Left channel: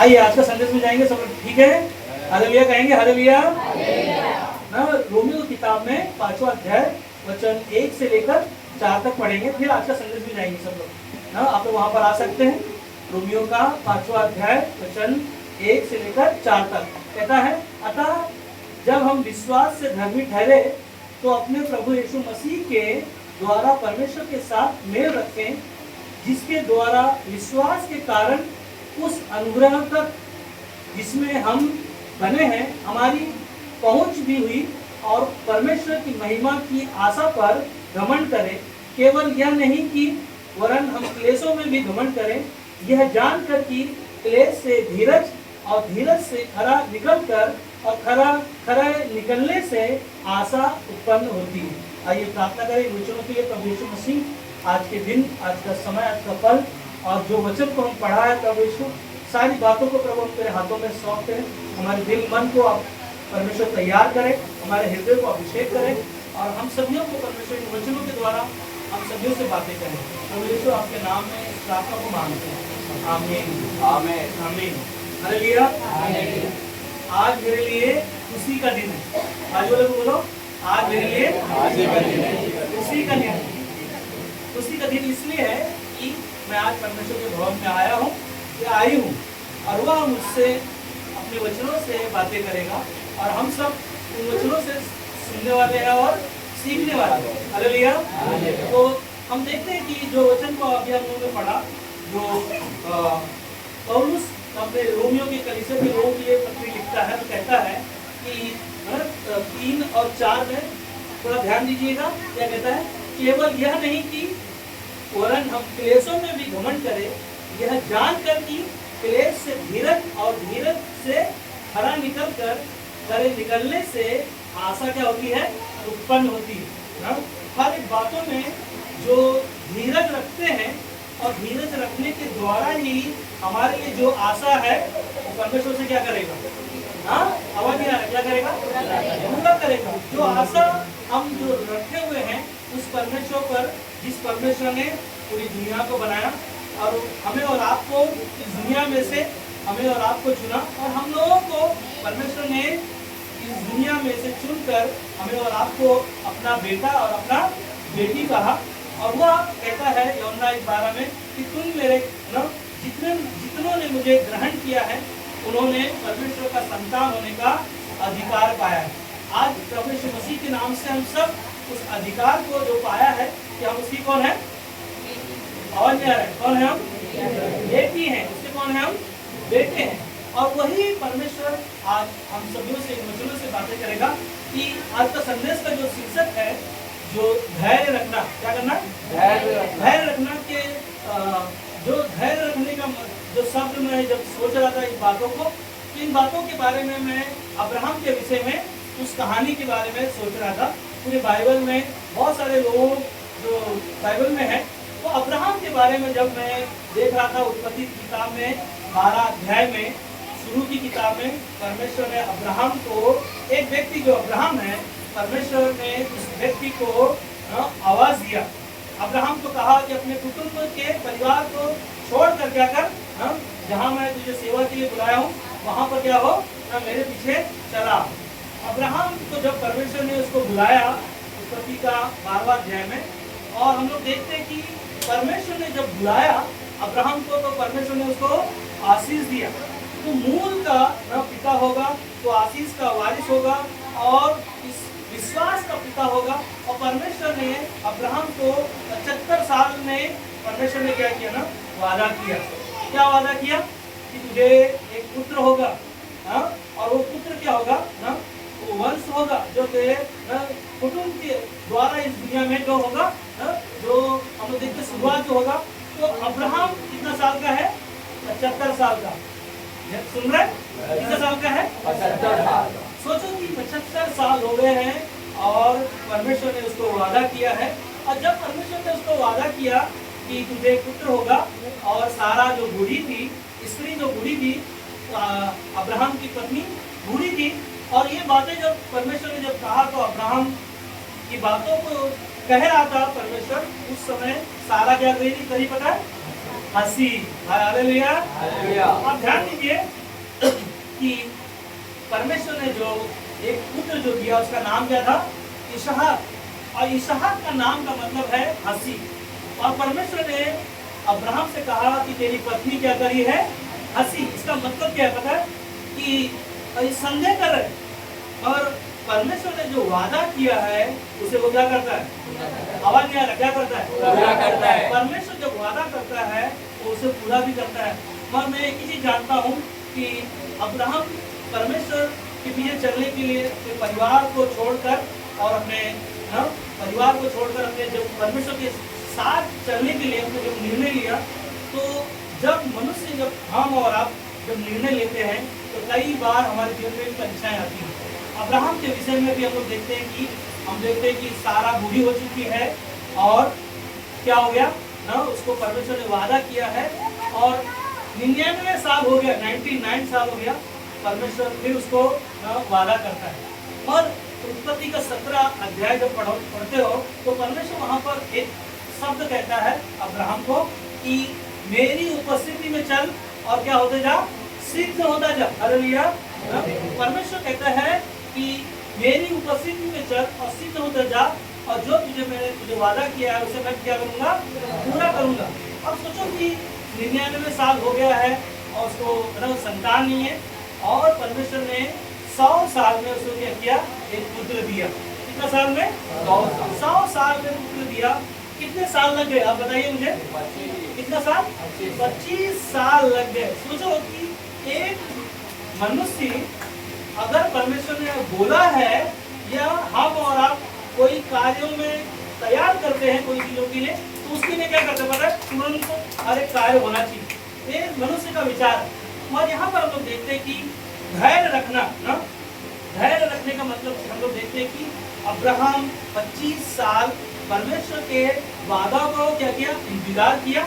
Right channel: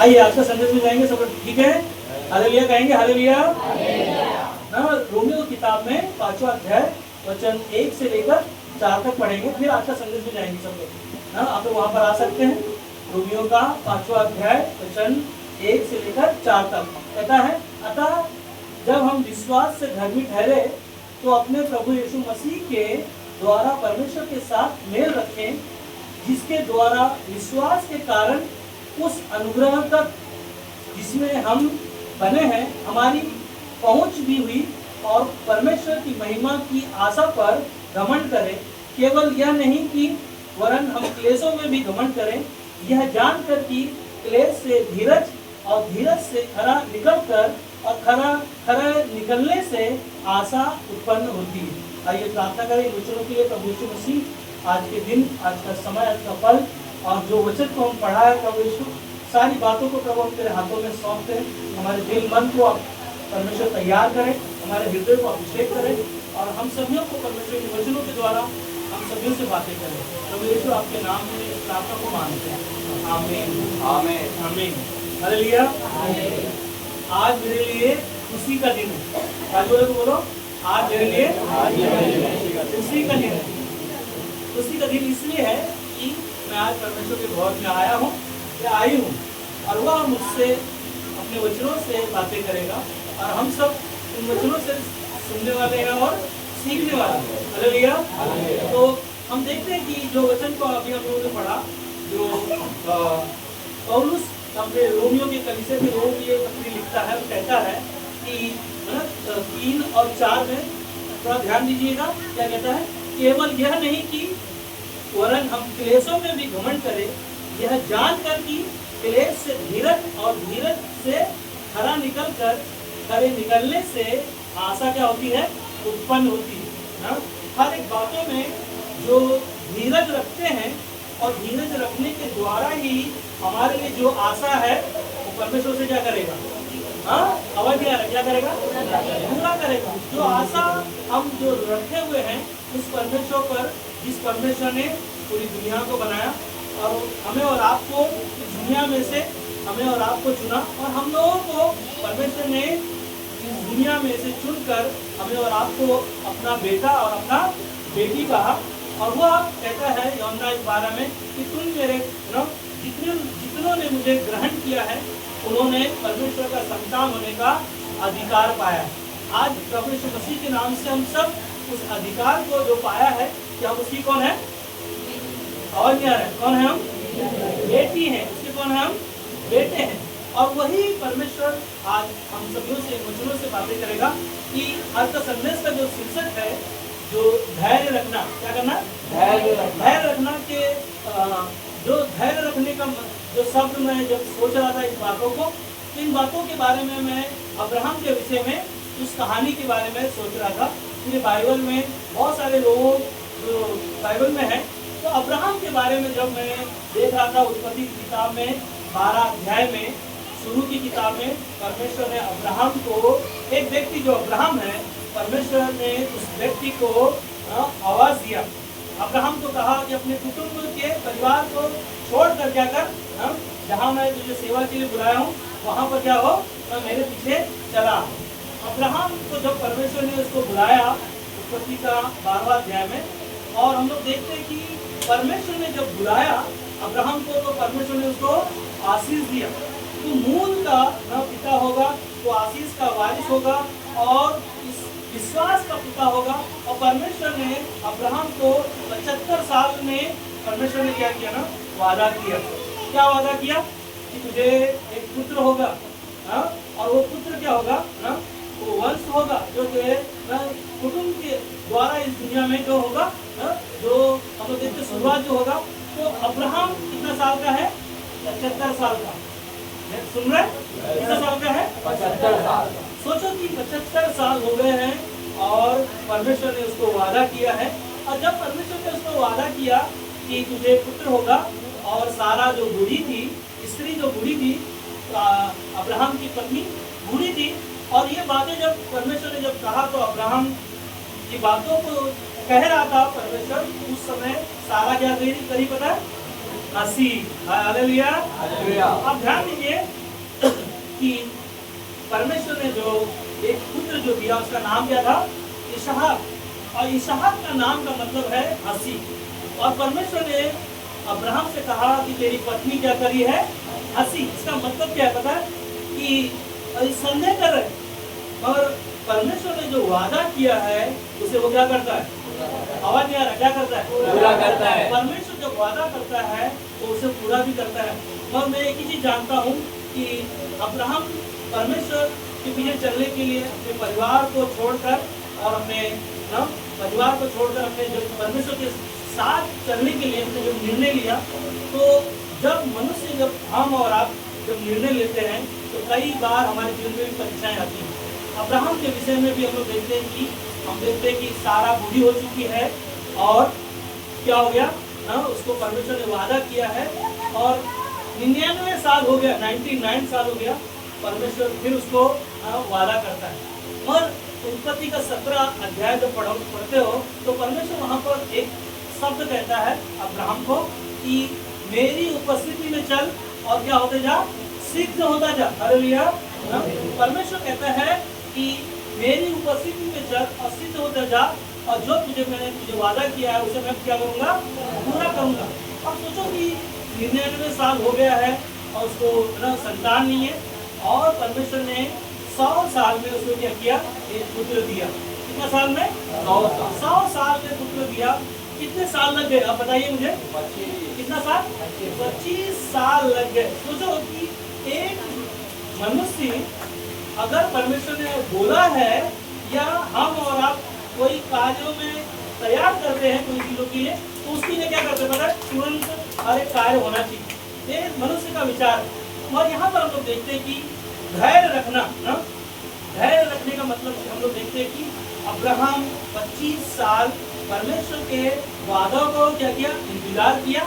आइए आज का संदेश में जाएंगे, सब ठीक है? हालेलुया कहेंगे, हालेलुया। ना रोमियो की किताब में 5वां अध्याय वचन 1 से लेकर 4 तक पढ़ेंगे, फिर आज का संदेश में जाएंगे सब लोग। ना आप लोग वहां पर आ सकते हैं। रोमियो का 5वां अध्याय वचन 1 से लेकर 4 तक कहता है, अतः जब हम विश्वास से धर्मी ठहरे तो अपने प्रभु यीशु मसीह के द्वारा परमेश्वर के साथ मेल रखें, जिसके द्वारा विश्वास के कारण उस अनुग्रह तक जिसमें हम बने हैं हमारी पहुंच भी हुई, और परमेश्वर की महिमा की आशा पर घमंड करें। केवल यह नहीं कि वरन हम क्लेशों में भी घमंड करें, यह जानकर कि क्लेश से धीरज और धीरज से खरा निकलकर और खरा निकलने से आशा उत्पन्न होती है। आइए प्रार्थना करें वचनों के लिए। प्रभु यीशु मसीह, आज के दिन, आज का समय, आज का पल और जो वचन को हम पढ़ा है प्रभु यीशु, सारी बातों को प्रभु हम तेरे हाथों में सौंप करें। हमारे दिल मन को आप परमेश्वर तैयार करें, हमारे हृदय को अभिषेक करें और हम सभी को परमेश्वर के वचनों के द्वारा हम सभी से बातें करें। प्रभु यीशु आपके नाम में इस प्रार्थना को मांगते हैं, आमीन आमीन आमीन। हालेलुया। आज मेरे लिए खुशी का दिन है। आज बोलो, आज मेरे लिए खुशी का दिन है। खुशी का दिन इसलिए है कि मैं आज परमेश्वर के भवन में आया हूँ या आई हूँ, और वह मुझसे अपने वचनों से बातें करेगा और हम सब उन वचनों से सुनने वाले हैं और सीखने वाले हैं। हालेलुया। तो हम देखते हैं कि जो वचन को अभी हम लोगों ने पढ़ा, जो पौलुस अपने रोमियो के कलीसिया के लोगों के लिए पत्री लिखता है, कहता है कि 3 और 4 में थोड़ा ध्यान दीजिएगा, क्या कहता है? केवल यह नहीं कि वरन हम क्लेशों में भी घमंड करें, यह जानकर कि क्लेश से धीरज और धीरज से खरा निकलने से आशा क्या होती है? उत्पन्न होती है ना। हर एक बातों में जो धीरज रखते हैं और धीरज रखने के द्वारा ही हमारे लिए जो आशा है वो परमेश्वर से क्या करेगा? हाँ, आवाज क्या करेगा? पूरा करेगा। जो आशा हम जो रखे हुए हैं उस परमेश्वर पर, जिस परमेश्वर ने पूरी दुनिया को बनाया और हमें और आपको इस दुनिया में से हमें और आपको चुना, और हम लोगों को परमेश्वर ने इस दुनिया में से चुनकर हमें और आपको अपना बेटा और अपना बेटी कहा। और वह कहता है यूहन्ना 1:12 में कि तुम मेरे जितनों ने मुझे ग्रहण किया है उन्होंने परमेश्वर का संतान होने का अधिकार पाया है। आज प्रभु यीशु मसीह के नाम से हम सब उस अधिकार को जो पाया है कि हम उसकी कौन है? और क्या है? कौन है? हम बेटी हैं। उसके कौन है? हम बेटे हैं। और वही परमेश्वर आज हम सभी से वचनों से बातें करेगा कि आज का संदेश का जो शीर्षक है, जो धैर्य रखना, क्या करना? धैर्य रखना के जो धैर्य रखने का जो शब्द मैं जब सोच रहा था इस बातों को, इन बातों के बारे में मैं अब्राहम के विषय में, उस कहानी के बारे में सोच रहा था। पूरे बाइबल में बहुत सारे लोग जो बाइबल में है, तो अब्राहम के बारे में जब मैं देख रहा था, उत्पत्ति की किताब में 12 अध्याय में, शुरू की किताब में परमेश्वर ने अब्राहम को, एक व्यक्ति जो अब्राहम है, परमेश्वर ने उस व्यक्ति को आवाज दिया। अब्राहम को कहा कि अपने कुटुंब के परिवार को छोड़ कर क्या कर, जहाँ मैं तुझे सेवा के लिए बुलाया हूँ वहाँ पर क्या हो, मेरे पीछे चला। अब्राहम को जब परमेश्वर ने उसको बुलाया उत्पत्ति का 12वां अध्याय में, और हम लोग देखते हैं कि परमेश्वर ने जब बुलाया अब्राहम को तो परमेश्वर ने उसको आशीष दिया। तो मूल का पिता होगा, तो आशीष का वारिस होगा और इस विश्वास का पिता होगा। और परमेश्वर ने अब्राहम को 75 साल में परमेश्वर ने क्या किया ना? वादा किया। क्या वादा किया? कि तुझे एक पुत्र होगा, और वो पुत्र क्या होगा ना? वो वंश होगा जो तेरे कुटुंब के द्वारा इस दुनिया में जो होगा, जो हम लोग देखते शुरुआत जो होगा। तो अब्राहम कितना साल का है? 75 साल का। सुन रहे? कितना साल का है? 75 साल। सोचो कि 75 साल हो गए हैं और परमेश्वर ने उसको वादा किया है। और जब परमेश्वर ने उसको वादा किया कि तुझे पुत्र होगा, और सारा जो बूढ़ी थी, स्त्री जो बूढ़ी थी, अब्राहम की पत्नी बूढ़ी थी, और ये बातें जब परमेश्वर ने जब कहा तो अब्राहम की बातों को कह रहा था परमेश्वर, उस समय सारा क्या कही पता है? हंसी। हालेलुया। आप ध्यान दीजिए कि परमेश्वर ने जो एक पुत्र जो दिया उसका नाम क्या था? इसहाक। और इसहाक का नाम का मतलब है हंसी। और परमेश्वर ने अब्राहम से कहा कि तेरी पत्नी क्या करी है? हंसी। इसका मतलब क्या है पता है? कि संदेह कर रहे, और परमेश्वर ने जो वादा किया है उसे वो क्या करता है? आवाज नहीं आ रहा, क्या करता है? पूरा करता है। परमेश्वर जब वादा करता है वो उसे पूरा भी करता है। और मैं एक ही चीज जानता हूँ कि अब्राहम परमेश्वर के पीछे चलने के लिए अपने परिवार को छोड़कर और अपने परिवार को छोड़कर अपने जब परमेश्वर के साथ चलने के लिए उसने जब निर्णय लिया, तो जब मनुष्य जब हम और आप जब निर्णय लेते हैं तो कई बार हमारे जीवन में भी परीक्षाएं आती हैं। अब्राहम के विषय में भी हम लोग देखते हैं कि सारा बूढ़ी हो चुकी है और क्या हो गया ना, उसको परमेश्वर ने वादा किया है और 99 साल हो गया, 99 साल हो गया, परमेश्वर फिर उसको वादा करता है। और उत्पत्ति का 17 अध्याय जब पढ़ते हो तो परमेश्वर वहां पर एक शब्द कहता है अब्राहम को कि मेरी उपस्थिति में चल और क्या होते जा? सिद्ध होता जा। हालेलुया। परमेश्वर कहता है कि मेरी उपस्थिति में चल और सिद्ध होता जा, और जो मैंने तुझे वादा किया है उसे मैं क्या करूंगा? पूरा करूंगा। अब सोचो कि 99 साल हो गया है और उसको संतान नहीं है, और परमेश्वर ने 100 साल में उसको क्या किया? एक पुत्र दिया। कितना साल में? 100 साल में पुत्र दिया। कितने साल लग गए आप बताइए मुझे? कितना साल? 25 साल लग गए। सोचो कि एक मनुष्य अगर परमेश्वर ने बोला है या हम और आप कोई कार्यों में तैयार करते हैं कोई चीजों के लिए, तो उसके लिए क्या करते हैं पता है? तुरंत हर एक कार्य होना चाहिए। ये मनुष्य का विचार है। और यहाँ पर हम लोग देखते हैं कि धैर्य रखना ना, धैर्य रखने का मतलब हम लोग देखते हैं कि अब्राहम 25 साल परमेश्वर के वादा को क्या किया? इंतजार किया,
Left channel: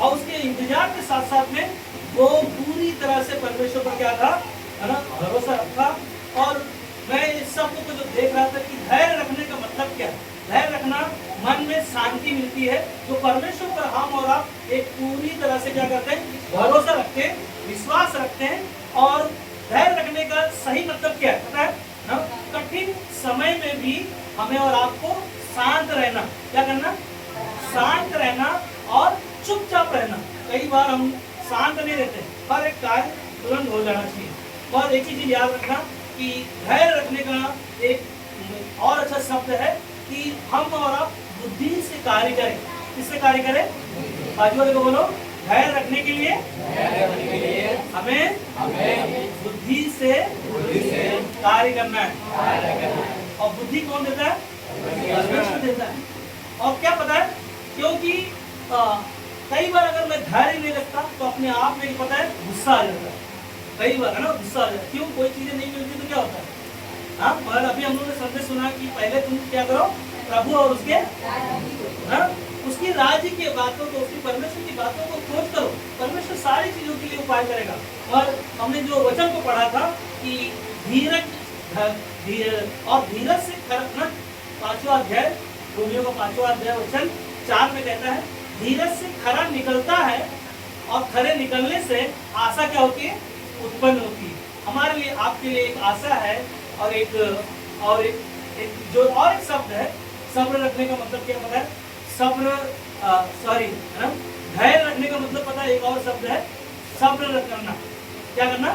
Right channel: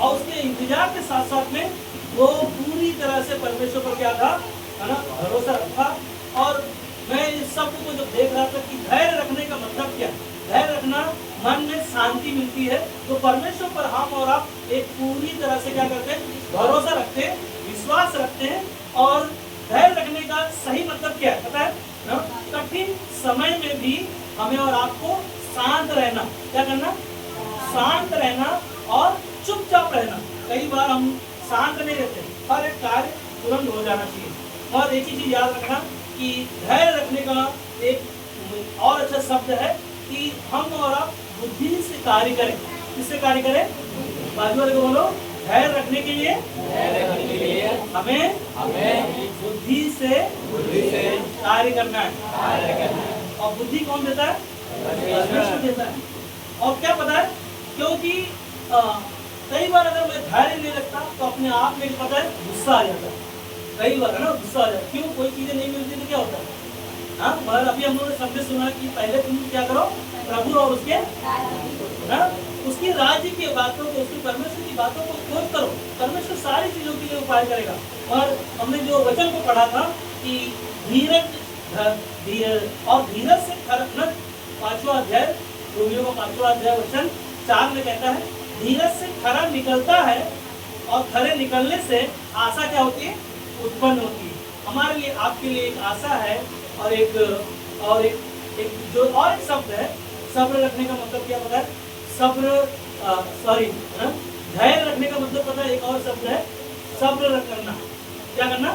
और उसके इंतजार के साथ साथ में वो पूरी तरह से परमेश्वर पर क्या था है ना, भरोसा रखा। और मैं इस सब को जब देख रहा था कि धैर्य रखने का मतलब क्या? धैर्य रखना, मन में शांति मिलती है। तो परमेश्वर पर हम और आप एक पूरी तरह से क्या करते हैं? भरोसा रखते हैं, विश्वास रखते हैं। और धैर्य रखने का सही मतलब क्या है पता है ना? कठिन समय में भी हमें और आपको शांत रहना। क्या करना? शांत रहना और चुपचाप रहना। कई बार हम शांत नहीं रहते, हर एक कार्य तुरंत हो जाना चाहिए। और एक ही चीज याद रखना कि धैर्य रखने का एक और अच्छा शब्द है कि हम और आप बुद्धि से कार्य करें। किससे कार्य करें? बाजू वाले को बोलो, धैर्य रखने के लिए हमें बुद्धि से कार्य करना है। और बुद्धि कौन देता है? परमेश्वर देता है। और क्या पता है, क्योंकि कई बार अगर मैं धैर्य नहीं रखता तो अपने आप में पता है गुस्सा आ जाता है। कई बार है ना, गुस्सा आ जाता है। क्यों? कोई चीजें नहीं मिलती तो क्या होता है? हाँ, मगर अभी हम लोगों ने सबने सुना कि पहले तुम क्या करो? प्रभु और उसके राज्य की बातों को, उसकी परमेश्वर की बातों को खोज करो। परमेश्वर सारी चीजों के लिए उपाय करेगा। और हमने जो वचन को पढ़ा था कि धीरज और धीरज से खरा, 5वां अध्याय, रोमियो का 5वां अध्याय वचन 4 में कहता है धीरज से खरा निकलता है, और खरे निकलने से आशा क्या होती है? उत्पन्न होती है। हमारे लिए, आपके लिए एक आशा है। और एक जो और एक शब्द है, सब्र रखने का मतलब क्या पता है? धैर्य रखने का मतलब पता है? एक और शब्द है सब्र करना। क्या करना?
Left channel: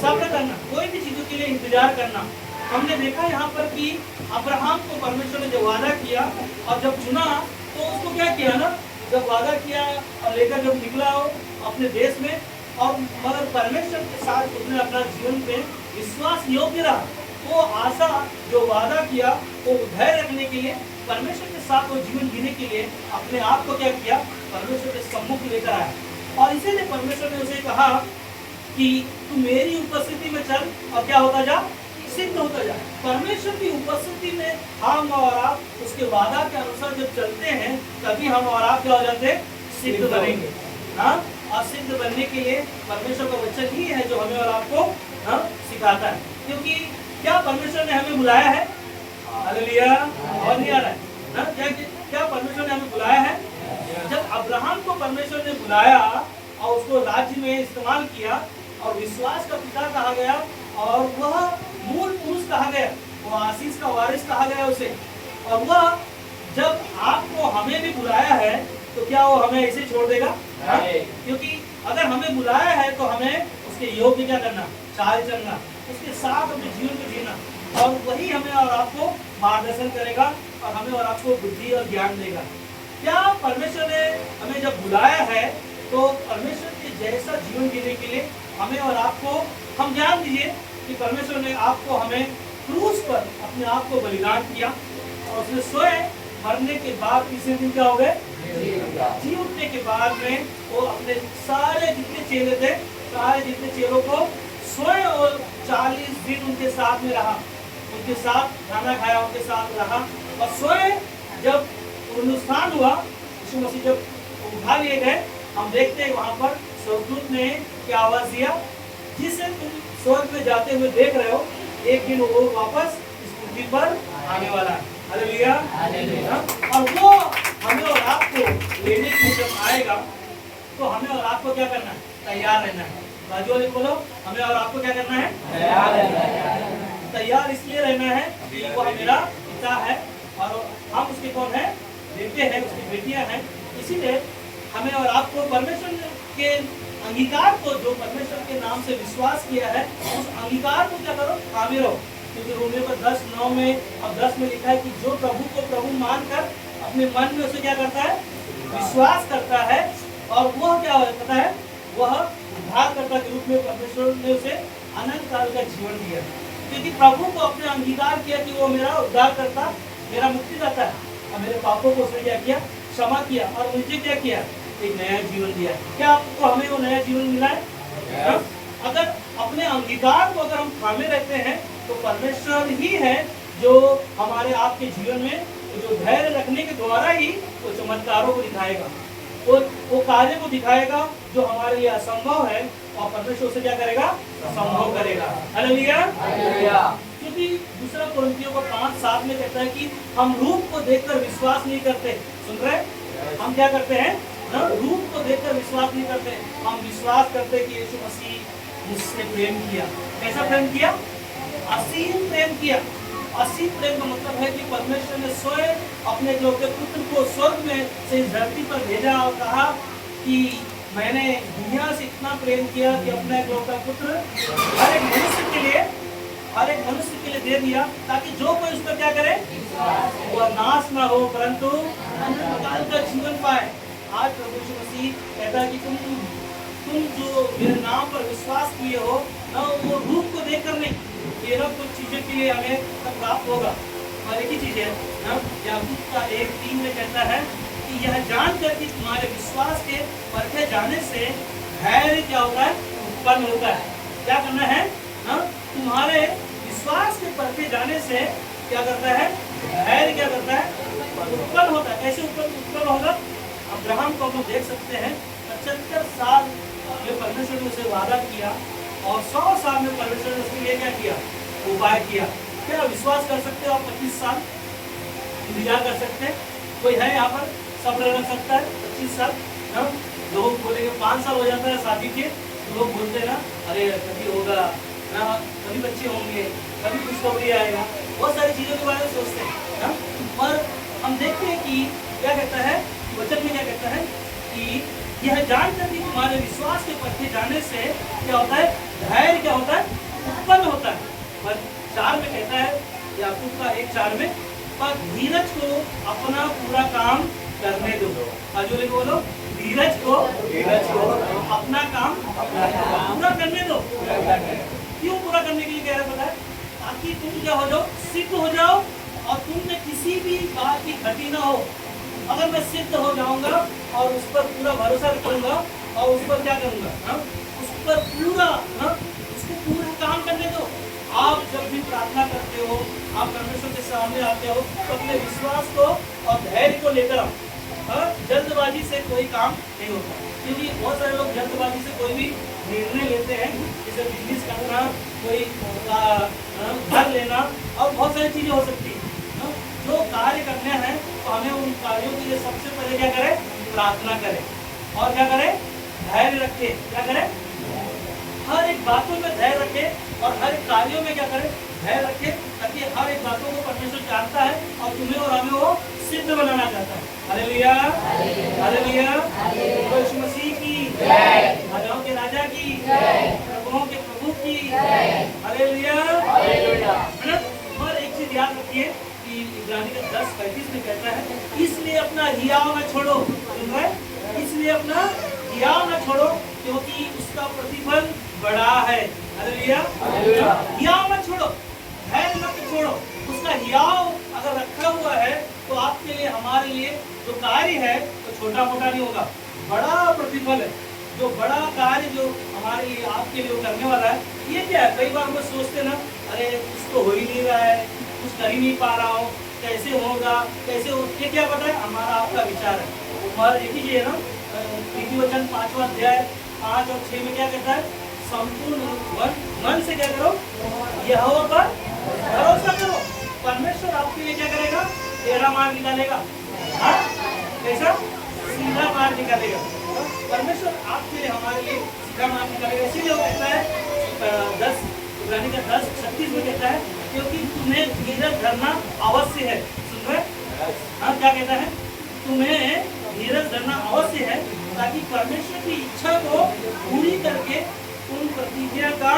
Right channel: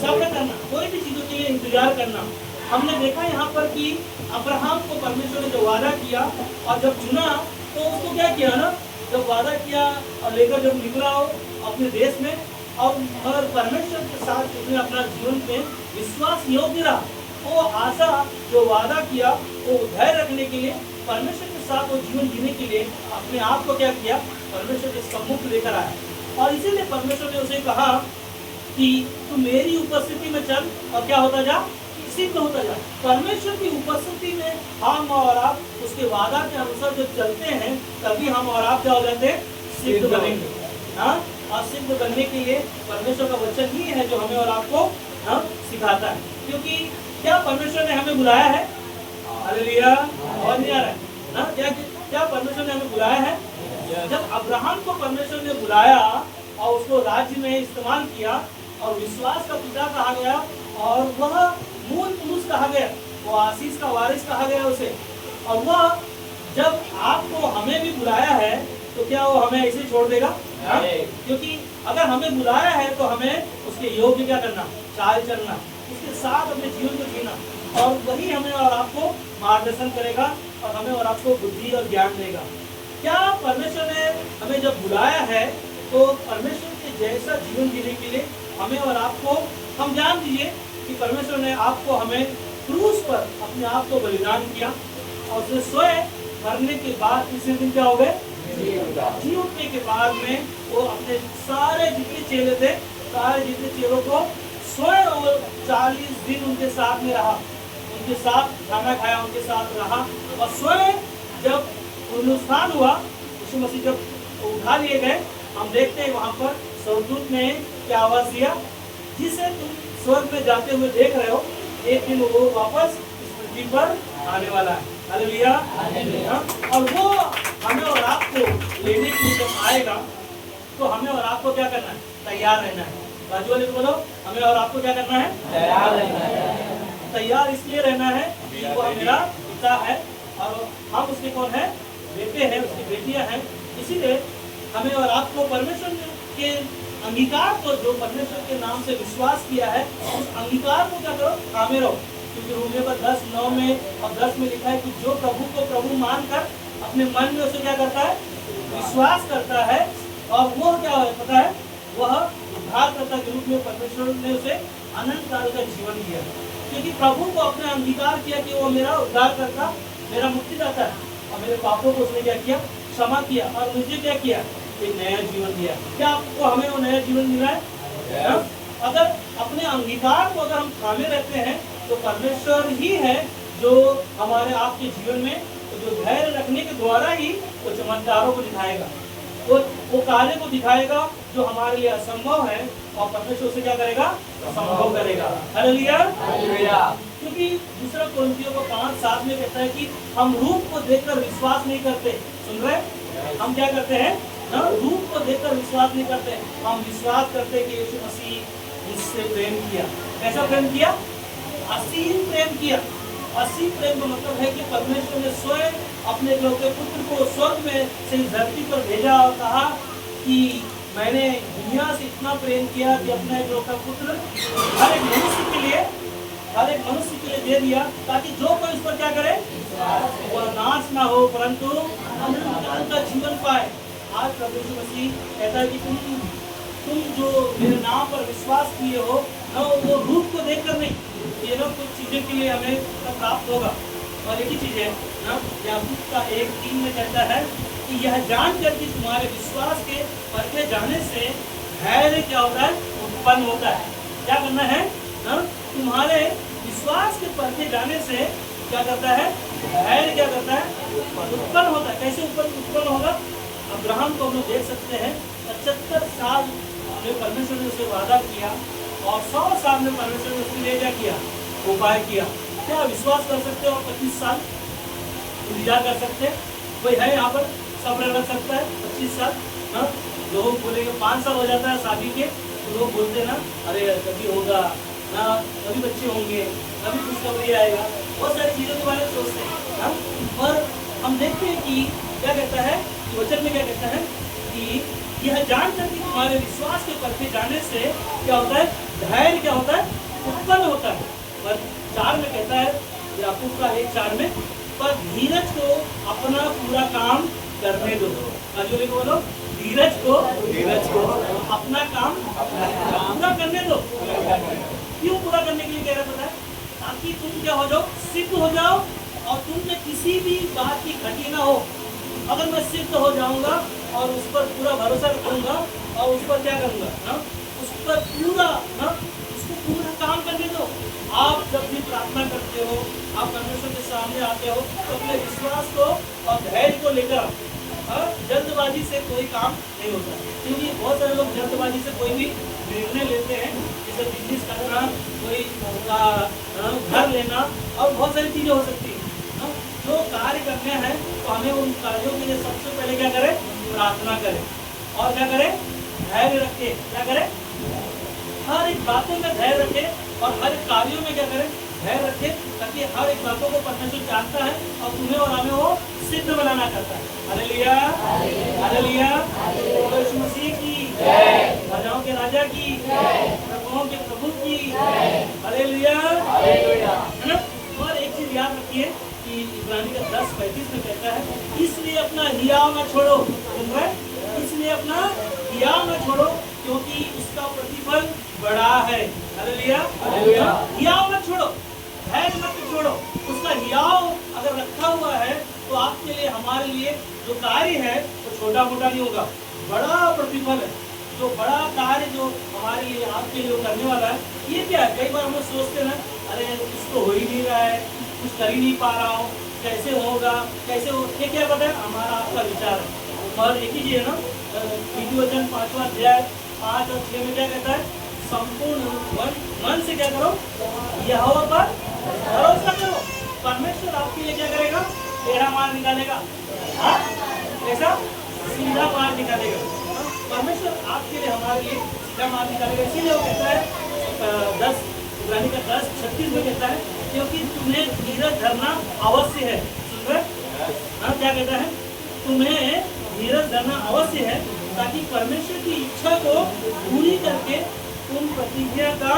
सब्र करना, कोई भी चीजों के लिए इंतजार करना। हमने देखा यहाँ पर कि अब्राहम को परमेश्वर ने जो वादा किया और जब चुना तो उसको क्या किया ना, जब वादा किया और लेकर जब निकला हो अपने देश में, और मगर परमेश्वर के साथ उसने अपना जीवन में विश्वास योग्य रहा। वो आशा जो वादा किया वो धैर्य रखने के लिए, परमेश्वर के साथ वो जीवन जीने के लिए अपने आप को क्या किया? परमेश्वर के सम्मुख लेकर आया। और इसीलिए परमेश्वर ने उसे कहा कि तू मेरी उपस्थिति में चल और क्या होता जा? सिद्ध होता जा। परमेश्वर की उपस्थिति में हम और आप उसके वादा के अनुसार जब चलते हैं तभी हम और आप क्या हो जाते हैं? सिद्ध बनेंगे। हाँ, और सिद्ध बनने के लिए परमेश्वर का वचन ही है जो हमें और आपको सिखाता है। क्योंकि क्या परमेश्वर ने हमें बुलाया है? हालेलुया। और नहीं आ रहा है ना? क्या परमेश्वर ने हमें बुलाया है? जब अब्राहम को परमेश्वर ने बुलाया और उसको राज्य में इस्तेमाल किया और विश्वास का पिता कहा गया और वह मूल पुरुष कहा गया, वो आशीष का वारिस कहा गया उसे। और वह जब आपको हमें भी बुलाया है तो क्या वो हमें ऐसे छोड़ देगा? क्योंकि अगर हमें बुलाया है तो हमें उसके योग्य क्या करना, चाल चलना, उसके साथ अपने जीवन को जीना, और वही हमें और आपको मार्गदर्शन करेगा और हमें और आपको बुद्धि और ज्ञान देगा। क्या परमेश्वर ने हमें जब बुलाया है तो परमेश्वर के जैसा जीवन जीने के लिए हमें और आपको, हम जान लीजिए कि परमेश्वर ने आपको हमें क्रूस पर अपने आप को बलिदान किया और उसने स्वयं मरने के बाद तीसरे दिन क्या हो गए, जी उठने के बाद में वो अपने सारे जितने चेले थे, सारे जितने चेलों को स्वयं और 40 दिन उनके साथ में रहा, उनके साथ खाना खाया, उनके साथ रहा। और स्वयं जब पुनरुत्थान हुआ, यीशु मसीह जब उठा लिए गए, हम देखते हैं वहां पर स्वर्गदूत ने क्या आवाज दिया, जिसे तुम स्वर्ग में जाते हुए देख रहे हो, एक दिन वो वापस इस पृथ्वी पर आने वाला है। हालेलुया। और वो हमें और आपको लेने के लिए जब आएगा तो हमें और आपको क्या करना है, तैयार रहना है। बाजू वाले को बोलो, हमें और आपको क्या करना है, तैयार रहना है। तैयार इसलिए रहना है कि वह मेरा पिता है और हम उसके कौन है, बेटे हैं, उसकी बेटियां हैं। इसीलिए हमें और आपको परमेश्वर के अंगीकार को, जो परमेश्वर के नाम से विश्वास किया है, उस अंगीकार को क्या करो, थामे रहो। क्योंकि रोमियो पर 10:9 में और 10 में लिखा है कि जो प्रभु को प्रभु मानकर अपने मन में उसे क्या करता है, विश्वास करता है, और वह क्या होता है, वह उद्धारकर्ता के रूप में परमेश्वर ने उसे अनंत काल का जीवन दिया। क्योंकि प्रभु को अपने अंगीकार किया कि वो मेरा उद्धारकर्ता, मेरा मुक्तिदाता है, और मेरे पापों को उसने क्या किया, क्षमा किया, और मुझे क्या किया, एक नया जीवन दिया। क्या आपको हमें वो नया जीवन मिला है? अगर अपने अंगीकार को अगर हम थामे रहते हैं तो परमेश्वर ही है जो हमारे आपके जीवन में जो धैर्य रखने के द्वारा ही वो चमत्कारों को दिखाएगा, वो कार्य को दिखाएगा जो हमारे लिए असंभव है, और परमेश्वर उसे क्या करेगा, संभव करेगा। हालेलुया। क्योंकि दूसरा कोरिन्थियों को 5:7 में कहता है कि हम रूप को देखकर विश्वास नहीं करते। सुन रहे, हम क्या करते हैं, रूप को देखकर विश्वास नहीं करते, हम विश्वास करते कि यीशु मसीह मुझसे प्रेम किया। कैसा प्रेम किया? असीम प्रेम किया। असीम प्रेम का मतलब है कि परमेश्वर ने स्वयं अपने इकलौते पुत्र को स्वर्ग में से इस धरती पर भेजा और कहा कि मैंने दुनिया से इतना प्रेम किया कि अपना इकलौता पुत्र हर एक मनुष्य के लिए दे दिया, ताकि जो कोई उस पर क्या करे, वह नाश ना हो परंतु अनंत काल का जीवन पाए। आज प्रभु यीशु मसीह कहता है कि तुम जो मेरे नाम पर विश्वास किए हो, न वो रूप को देखकर नहीं, केवल कुछ चीजों के लिए हमें प्राप्त होगा। और एक ही चीज है ना, याकूब का 1:3 में कहता है कि यह जानकर कि तुम्हारे विश्वास के परखे जाने से धैर्य क्या होता है, उत्पन्न होता है। क्या करना है ना, तुम्हारे विश्वास के परखे जाने से क्या करता है, धैर्य क्या करता है, उत्पन्न होता है। कैसे उत्पन्न होगा? अब्राहम को हम लोग देख सकते हैं, 75 साल में परमेश्वर ने उसे वादा किया और 100 साल में परमेश्वर ने उसके लिए क्या किया, उपाय किया। क्या विश्वास कर सकते हो आप 25 साल इंतजार कर सकते हैं? कोई है यहाँ पर सब्र रख सकता है 25 साल? लोग बोलेंगे 5 साल हो जाता है शादी के, लोग बोलते हैं ना, अरे कभी होगा ना, कभी बच्चे होंगे, कभी खुशखबरी आएगा, बहुत सारी चीज़ों के बारे में सोचते हैं। पर हम देखते हैं कि क्या कहता है, वचन में क्या कहता है कि यह जानकर कि तुम्हारे विश्वास के परखे जाने से क्या होता है, धैर्य क्या होता है, उत्पन्न होता है। पर 4 में कहता है, याकूब का 1:4 में, पर धीरज को अपना पूरा काम करने दो। आजू को बोलो, धीरज को अपना काम पूरा करने दो। क्यों पूरा करने के लिए कह रहा पता है? ताकि तुम क्या हो जाओ, सिद्ध हो जाओ, और तुम में किसी भी बात की घटी ना हो। अगर मैं सिद्ध हो जाऊंगा और उस पर पूरा भरोसा रखूंगा और उस पर क्या करूंगा ना, उस पर पूरा ना, उसको पूरा काम करने दो। आप जब भी प्रार्थना करते हो, आप परमेश्वर के सामने आते हो, तो अपने विश्वास को और धैर्य को लेकर आओ। जल्दबाजी से कोई काम नहीं होता, क्योंकि बहुत सारे लोग जल्दबाजी से कोई भी निर्णय लेते हैं, जैसे बिजनेस करना, कोई घर लेना, और बहुत सारी चीजें हो सकती है। जो कार्य करने हैं तो हमें उन कार्यों के लिए सबसे पहले क्या करें, प्रार्थना करें। और क्या करें? धैर्य रखें। क्या करें? हर एक बातों में धैर्य रखें और हर एक कार्यों में क्या करें? धैर्य रखें, ताकि हर एक बातों को परमेश्वर जानता है और तुम्हें और हमें वो सिद्ध बनाना चाहता है। हालेलुया, हालेलुया, यीशु मसीह की जय, राजाओं के राजा की जय, प्रभुओं के प्रभु की जय। Hallelujah, hallelujah. है ना? और एक चीज याद रखिए कि इब्रानी का 10:35 में कहता है, इसलिए अपना हियाव ना छोड़ो। सुन रहे? इसलिए अपना हियाव ना छोड़ो, क्योंकि उसका प्रतिफल बड़ा है। Hallelujah, hallelujah. हियाव मत छोड़ो, धैर्य मत छोड़ो। उसका हियाव अगर रखा हुआ है तो आपके लिए, हमारे लिए जो कार्य है वो तो छोटा मोटा नहीं होगा, बड़ा प्रतिफल है। जो बड़ा कार्य जो हमारे लिए, आपके लिए वो करने वाला है, ये क्या है? कई बार हम सोचते ना, अरे कुछ तो हो ही नहीं रहा है, कुछ कर ही नहीं पा रहा हूँ, कैसे होगा, कैसे हो? ये क्या पता है? हमारा आपका विचार है। और एक ही है ना, नीति वचन 5वां अध्याय 5 और 6 में क्या कहता है? संपूर्ण मन से क्या करो? यहोवा पर भरोसा करो, परमेश्वर आपके लिए क्या करेगा? टेढ़ा मार्ग निकालेगा। हाँ, कैसा? सीधा मार्ग निकालेगा। परमेश्वर आपके लिए, हमारे लिए सीधा मार्ग निकालेगा। इसीलिए वो कहता है इब्रानी का 10:36 में कहता है, क्योंकि तुम्हें धीरज धरना अवश्य है। सुन रहे? हाँ, क्या कहता है? तुम्हें धीरज धरना अवश्य है, ताकि परमेश्वर की इच्छा को पूरी करके तुम प्रतिज्ञा का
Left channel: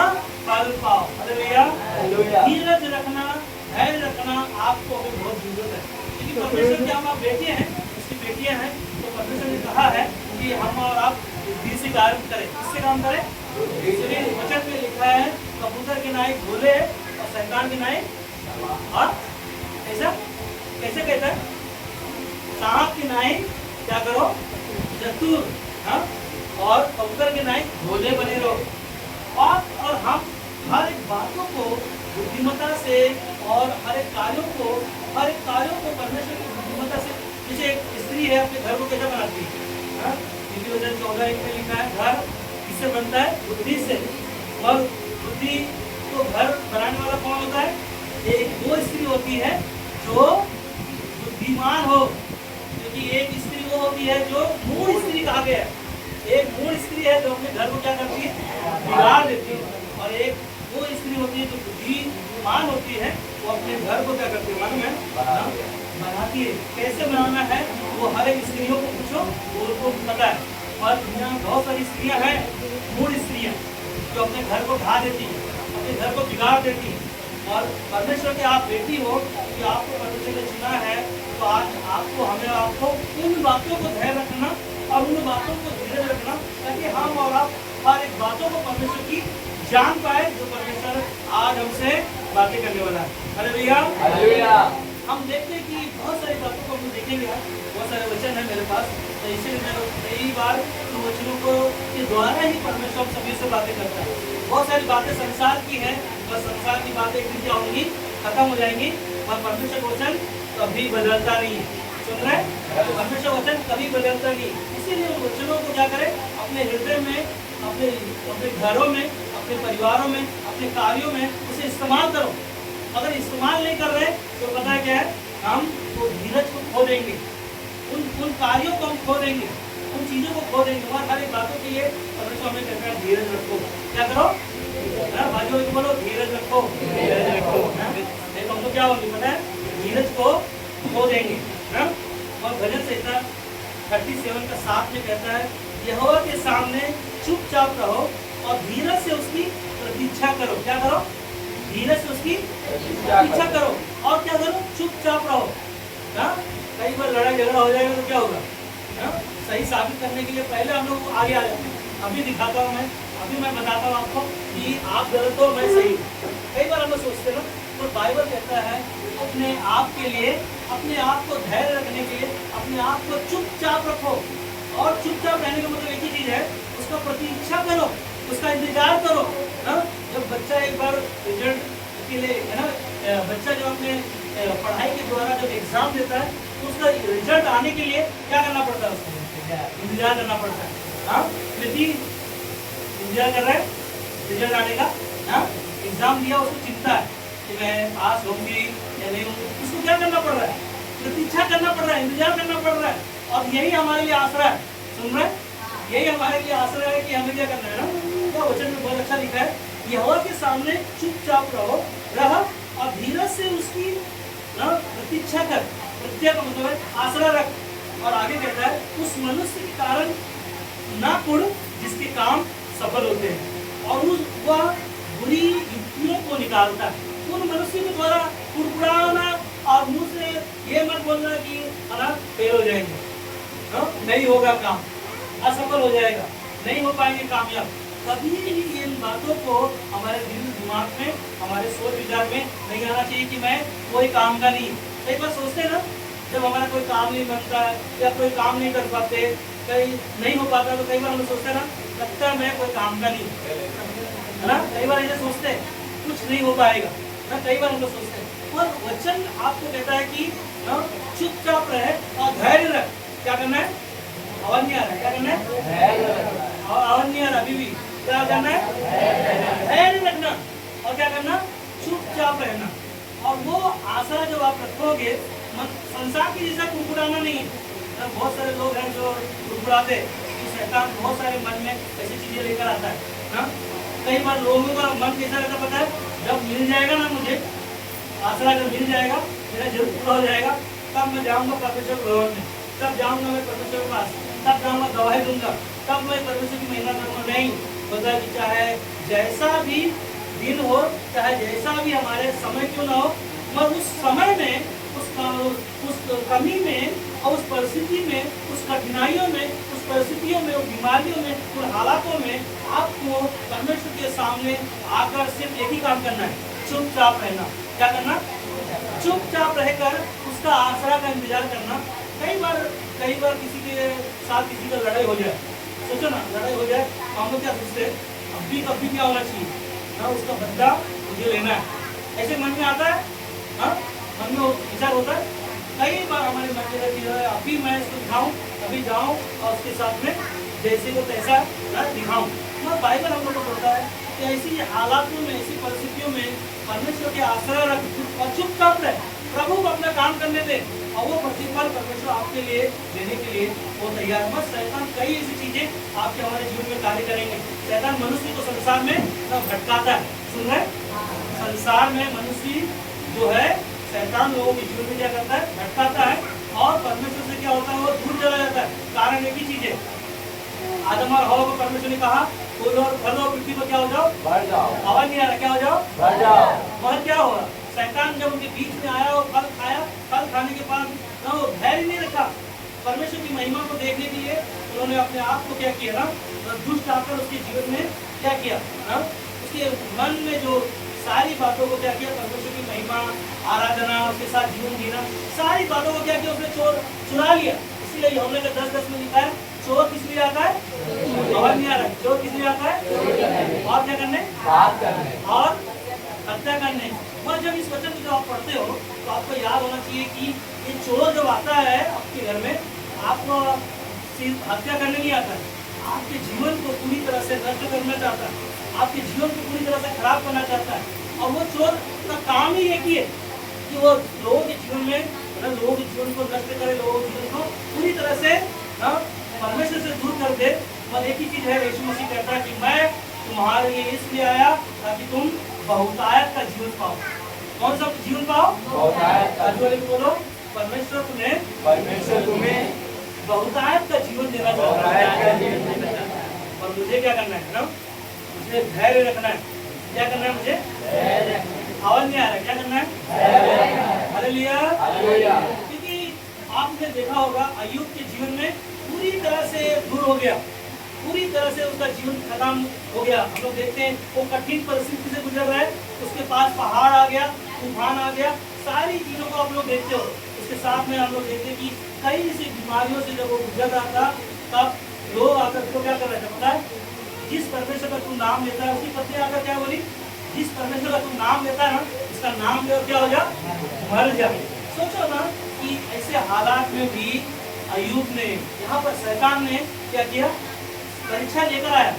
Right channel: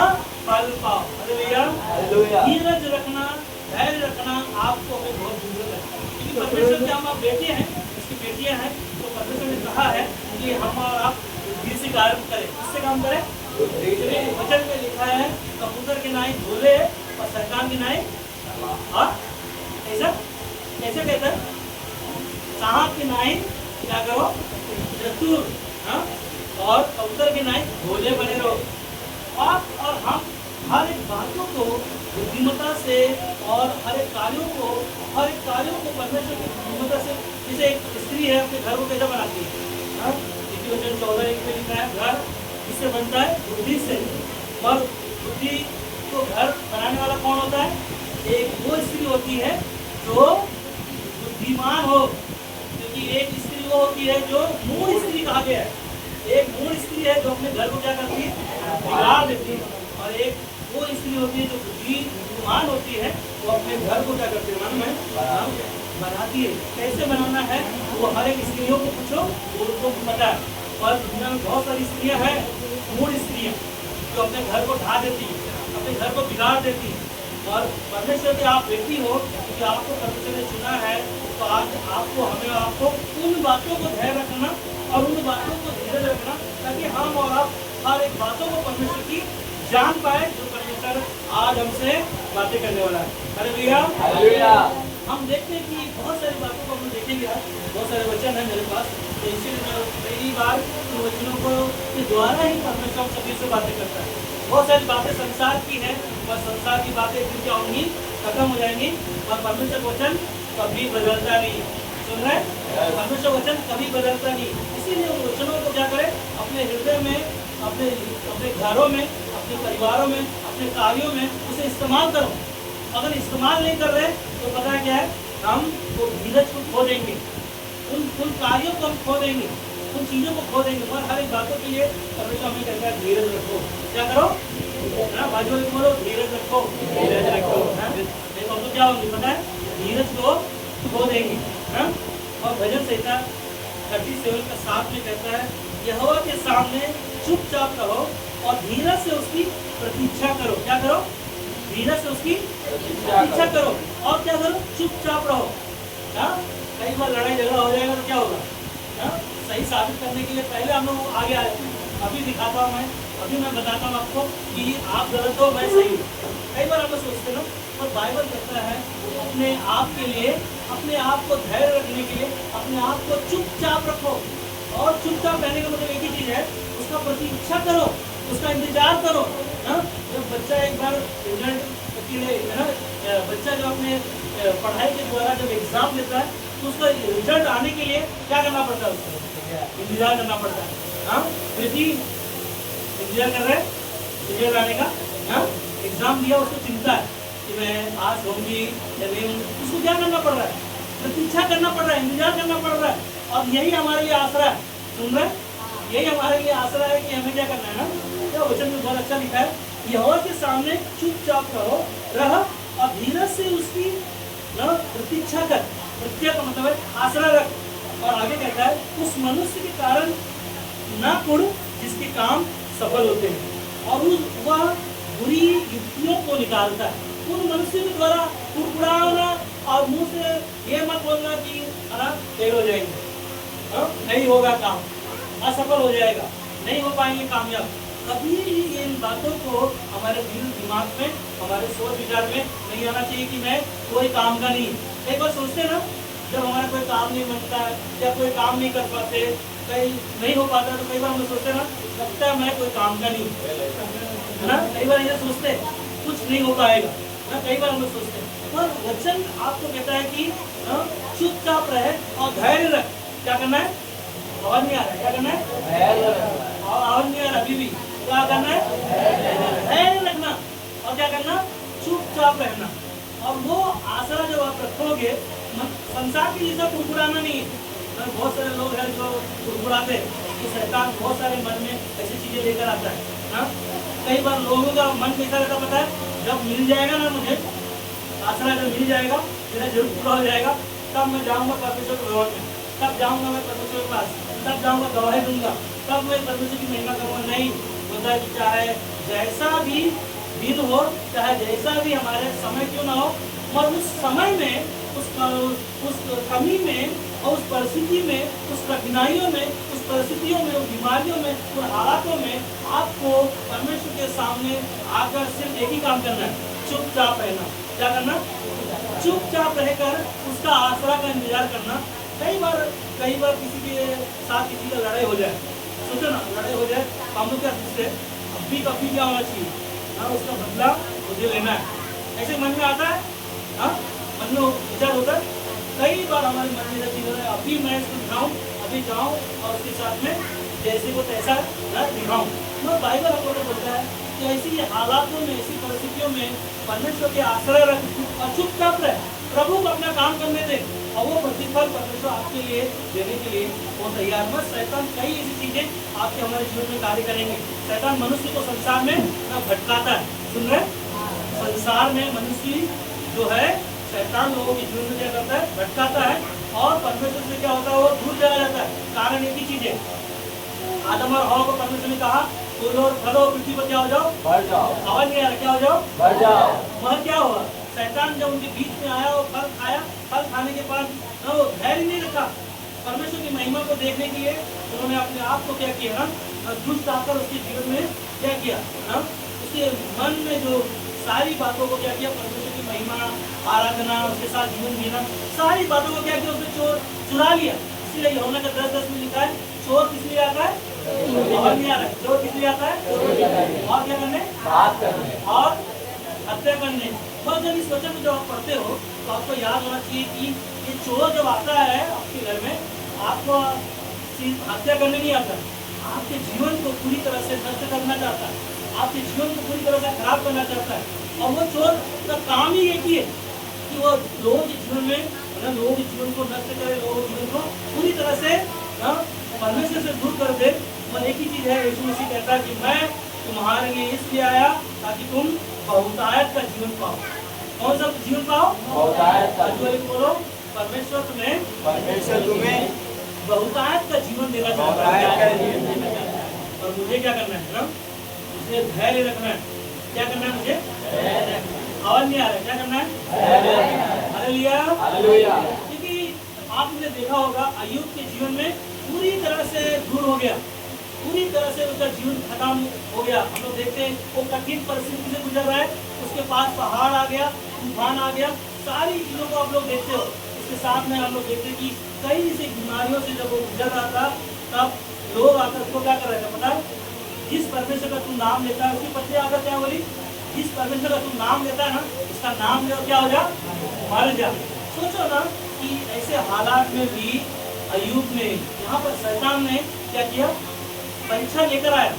फल पाओ। Hallelujah, hallelujah. धीरज रखना, धैर्य रखना आपको हमें बहुत जरूरत है, क्योंकि परमेश्वर के हम आप बेटे हैं, उसकी बेटियां हैं। तो परमेश्वर ने कहा है कि हम और आप बुद्धि से काम करें। किससे काम करें? वचन में लिखा है, कबूतर के नाई भोले और शैतान के नाई। हाँ, ऐसा कैसे कहता है? सांप के नाई क्या करो? चतुर। हाँ, और कबूतर के नाई भोले बने रहो। आप और हम हर एक बातों को बुद्धिमत्ता से और हर एक कार्यों को परमेश्वर की बुद्धिमत्ता से, जैसे एक स्त्री है अपने घर को कैसे बनाती है? हाँ, नीति वचन 14:1 में लिखा है, घर किससे बनता है? बुद्धि से। और बुद्धि को घर बनाने वाला कौन होता है? एक वो स्त्री होती है जो बुद्धिमान हो, क्योंकि एक स्त्री वो होती है जो मूढ़ स्त्री कहा गया है। एक मूढ़ स्त्री है जो अपने घर को क्या करती है? बिगाड़ देती है। और एक वो स्त्री होती है जो बुद्धिमान होती है, वो अपने घर को क्या करती है? मालूम है? बनाती है। कैसे बनाना है वो हर एक स्त्रियों को पूछो, उनको पता है। और दुनिया में बहुत सारी स्त्रियां हैं, मूढ़ स्त्रियां, जो अपने घर को ढा देती है, अपने घर को बिगाड़ देती है। और परमेश्वर की आप बेटी हो, कि आपको परमेश्वर ने चुना है, तो आज आपको, हमें, आपको उन बातों को धैर्य रखना और उन बातों को धीरे रखना, ताकि हम और आप हर एक बातों को परमेश्वर की जान पाए, जो परमेश्वर आज हमसे बातें करने वाला है। Hallelujah, hallelujah. हम देखते हैं कि बहुत सारी बातों को हम देखेंगे। आज बहुत सारे वचन है मेरे पास, तो इसीलिए मैं कई बार उन वचनों को के द्वारा ही परमेश्वर सभी से बातें करता है। बहुत सारी बातें संसार की है, और संसार की बातें एक दिन क्या होंगी? खत्म हो जाएंगी। और परमेश्वर वचन कभी बदलता नहीं। सुन रहे? परमेश्वर वचन कभी बदलता नहीं। इसीलिए उन वचनों को क्या करें? अपने हृदय में, अपने घरों में, अपने परिवारों में, अपने कार्यों में उसे इस्तेमाल करो। अगर इस्तेमाल नहीं कर रहे तो पता है क्या है? हम वो धीरज को खो देंगे, उन कार्यों को हम खो देंगे, उन चीज़ों को खो देंगे। और हर एक बातों के लिए परमेश्वर हमें कहता है धीरज रखो। क्या करो? बाजू वाले को बोलो धीरज रखो, धीरज रखो। नहीं तो हम लोग क्या होंगे पता है? धीरज को खो देंगे। और भजन संहिता 37:7 में कहता है, यहोवा के सामने चुपचाप रहो और धीरज से उसकी प्रतीक्षा करो। क्या करो? धीरज से उसकी प्रतीक्षा करो। और क्या करो? चुपचाप रहो। हाँ, कई बार लड़ाई झगड़ा हो जाएगा तो क्या होगा? हाँ, सही साबित करने के लिए पहले हम लोग आगे आए। अभी दिखाता हूँ मैं, अभी मैं बताता हूँ आपको कि आप गलत हो, मैं सही हूँ। कई बार हम लोग सोचते हैं, और बाइबल कहता है अपने आप के लिए, अपने आप को धैर्य रखने के लिए अपने आप को चुपचाप रखो। और चुपचाप रहने का मतलब एक ही चीज़ है, उसका प्रतीक्षा करो, उसका इंतजार करो। हाँ, जब बच्चा एक बार रिजल्ट के लिए, है ना, बच्चा जब अपने पढ़ाई के द्वारा जब एग्जाम देता है तो उसका रिजल्ट आने के लिए क्या करना पड़ता है? उसको इंतजार करना पड़ता है। हाँ, प्रीति इंतजार कर रहे हैं रिजल्ट आने का। हाँ, एग्जाम दिया, उसको चिंता है कि मैं पास होंगी या नहीं होंगी। उसको क्या करना पड़ रहा है? प्रतीक्षा करना पड़ रहा है, इंतजार करना पड़ रहा है। और यही हमारे लिए आसरा है। सुन रहे हैं? यही हमारे लिए आसरा है कि हमें क्या करना है ना। क्या वचन में बहुत अच्छा लिखा है, यहोवा के सामने चुपचाप रह और धीरज से उसकी ना प्रतीक्षा कर। प्रतीक्षा का मतलब है आसरा रख। और आगे कहता है उस मनुष्य के कारण ना कुड़ जिसके काम सफल होते हैं, और वह बुरी युक्तियों को निकालता है। उन मनुष्य के द्वारा कुड़कुड़ाना और मुंह से ये मत बोलना कि फेल हो जाएंगे, नहीं होगा काम, असफल हो जाएगा, नहीं हो पाएंगे कामयाब। कभी भी इन बातों को हमारे दिमाग में, हमारे सोच विचार में नहीं आना चाहिए कि मैं कोई काम का नहीं। कई बार सोचते हैं ना, जब हमारा कोई काम नहीं बनता या कोई काम नहीं कर पाते, कहीं नहीं हो पाता, तो कई बार हम सोचते हैं ना, लगता है मैं कोई काम का नहीं, है ना। कई बार ऐसे सोचते हैं कुछ नहीं हो पाएगा ना, कई बार हम लोग सोचते हैं। पर वचन आपको कहता है कि चुपचाप रहे और धैर्य रख। क्या करना है? आवाज नहीं आ रहा है, क्या करना है? आवाज नहीं आ रहा अभी भी। क्या करना है? धैर्य रखना। और क्या करना? चुपचाप रहना। और वो आसरा जब आप रखोगे, संसार की जैसा कुड़कुड़ाना नहीं है। बहुत सारे लोग हैं जो कुड़कुड़ाते, तो शैतान बहुत सारे मन में ऐसी चीजें लेकर आता है ना। कई बार लोगों का मन कैसा रहता पता है, जब मिल जाएगा ना मुझे आसरा, जब मिल जाएगा, मेरा जरूर पूरा हो जाएगा, तब मैं जाऊंगा परमेश्वर भवन में, तब जाऊंगा मैं परमेश्वर के पास, तब जाऊंगा गवाही दूंगा, तब मैं परमेश्वर की महिमा करूंगा। नहीं, मतलब कि चाहे जैसा भी दिन हो, चाहे जैसा भी हमारे समय क्यों ना हो, मगर उस समय में, उस कमी में और उस परिस्थिति में, उस कठिनाइयों में, उस परिस्थितियों में, उस बीमारियों में, उन हालातों में आपको परमेश्वर के सामने आकर सिर्फ एक ही काम करना है, चुपचाप रहना। क्या करना? चुपचाप रहकर उसका आसरा का इंतजार करना। कई बार किसी के साथ किसी का लड़ाई हो जाए, सोचो ना, लड़ाई हो जाए, हम लोग क्या सोचते हैं, अभी क्या होना चाहिए ना, उसका बदला मुझे लेना है। ऐसे मन में आता है, हाँ, मन में विचार होता है। कई बार हमारे मन में रहती है, अभी मैं इसको दिखाऊं, अभी जाऊं और उसके साथ में जैसे को तैसा दिखाऊं। मगर बाइबल हम लोग को बोलता है कि ऐसी हालातों में, ऐसी परिस्थितियों में परमेश्वर के आश्रय रख और चुपचाप रहे, प्रभु को अपना काम करने दे, और वो प्रतिफल परमेश्वर आपके लिए देने के लिए वो तैयार। मत शैतान कई ऐसी चीजें आपके हमारे जीवन में कार्य करेंगे। शैतान मनुष्य को संसार में भटकाता है। सुन रहे? संसार में मनुष्य जो है, शैतान लोगों के जीवन में क्या करता है? भटकाता है, और परमेश्वर से क्या होता है? वो दूर चला जाता है। कारण एक ही चीज है, आदम और हवा को परमेश्वर ने कहा फूलो और फलो, पृथ्वी पर क्या हो जाओ? बढ़ जाओ। आवाज नहीं आ रहा, क्या हो जाओ? बढ़ जाओ। वह क्या हुआ? शैतान जब उनके बीच में आया और फल खाया, फल खाने के बाद ना वो धैर्य नहीं रखा परमेश्वर की महिमा को देखने के लिए। उन्होंने अपने आप को क्या किया ना, दुष्ट आकर उसके जीवन में क्या किया ना, उसके मन में जो सारी बातों को क्या किया, परमेश्वर की महिमा, आराधना, उसके साथ जीवन जीना, सारी बातों को क्या किया, उसने चुरा लिया। इसलिए यूहन्ना के 10:10 में लिखा है, चोर किस लिए आता है? और नहीं आ रहा है, चोर किस लिए आता है? और क्या करने? और हत्या करने। और जब इस वचन को जब आप पढ़ते हो तो आपको याद होना चाहिए कि ये चोर जब आता है आपके घर में, आपको सिर्फ हत्या करने नहीं आता है, आपके जीवन को पूरी तरह से नष्ट करना चाहता है, आपके जीवन को पूरी तरह से खराब करना चाहता है। और वो चोर का काम ही एक ही है कि वो लोगों के जीवन में, लोगों के जीवन को नष्ट करे, लोगों के जीवन को पूरी तरह से परमेश्वर से दूर कर दे। और एक ही चीज है, यीशु मसीह कहता है कि मैं तुम्हारे लिए इसलिए आया ताकि तुम बहुतायत का जीवन पाओ। कौन सा जीवन पाओ? बहुतायत का। बोलो, परमेश्वर तुम्हें बहुतायत का जीवन देना चाहता है। और मुझे क्या करना है ना, मुझे धैर्य रखना है। क्या करना है मुझे? आवाज नहीं आ रहा है, क्या करना है? हालेलुया। क्योंकि आपने देखा होगा अय्यूब के जीवन में पूरी तरह से दूर हो गया, पूरी तरह से उसका जीवन खत्म हो गया। हम लोग देखते हैं वो कठिन परिस्थिति से गुजर रहा है, उसके पास पहाड़ आ गया, तूफान आ गया, सारी चीजों को आप लोग देखते हो। उसके साथ में हम लोग देखते हैं कि कई ऐसी बीमारियों से जब वो गुजर रहा था, तब लोग आकर उसको क्या कर रहे थे पता है? जिस परमेश्वर का तू नाम लेता है, उसकी पत्नी आकर क्या बोली? जिस परमेश्वर का तू नाम लेता है ना, उसका नाम ले, क्या हो जा? मर जा। सोचो ना कि ऐसे हालात में भी अय्यूब ने, यहाँ पर शैतान ने क्या किया? परीक्षा लेकर आया।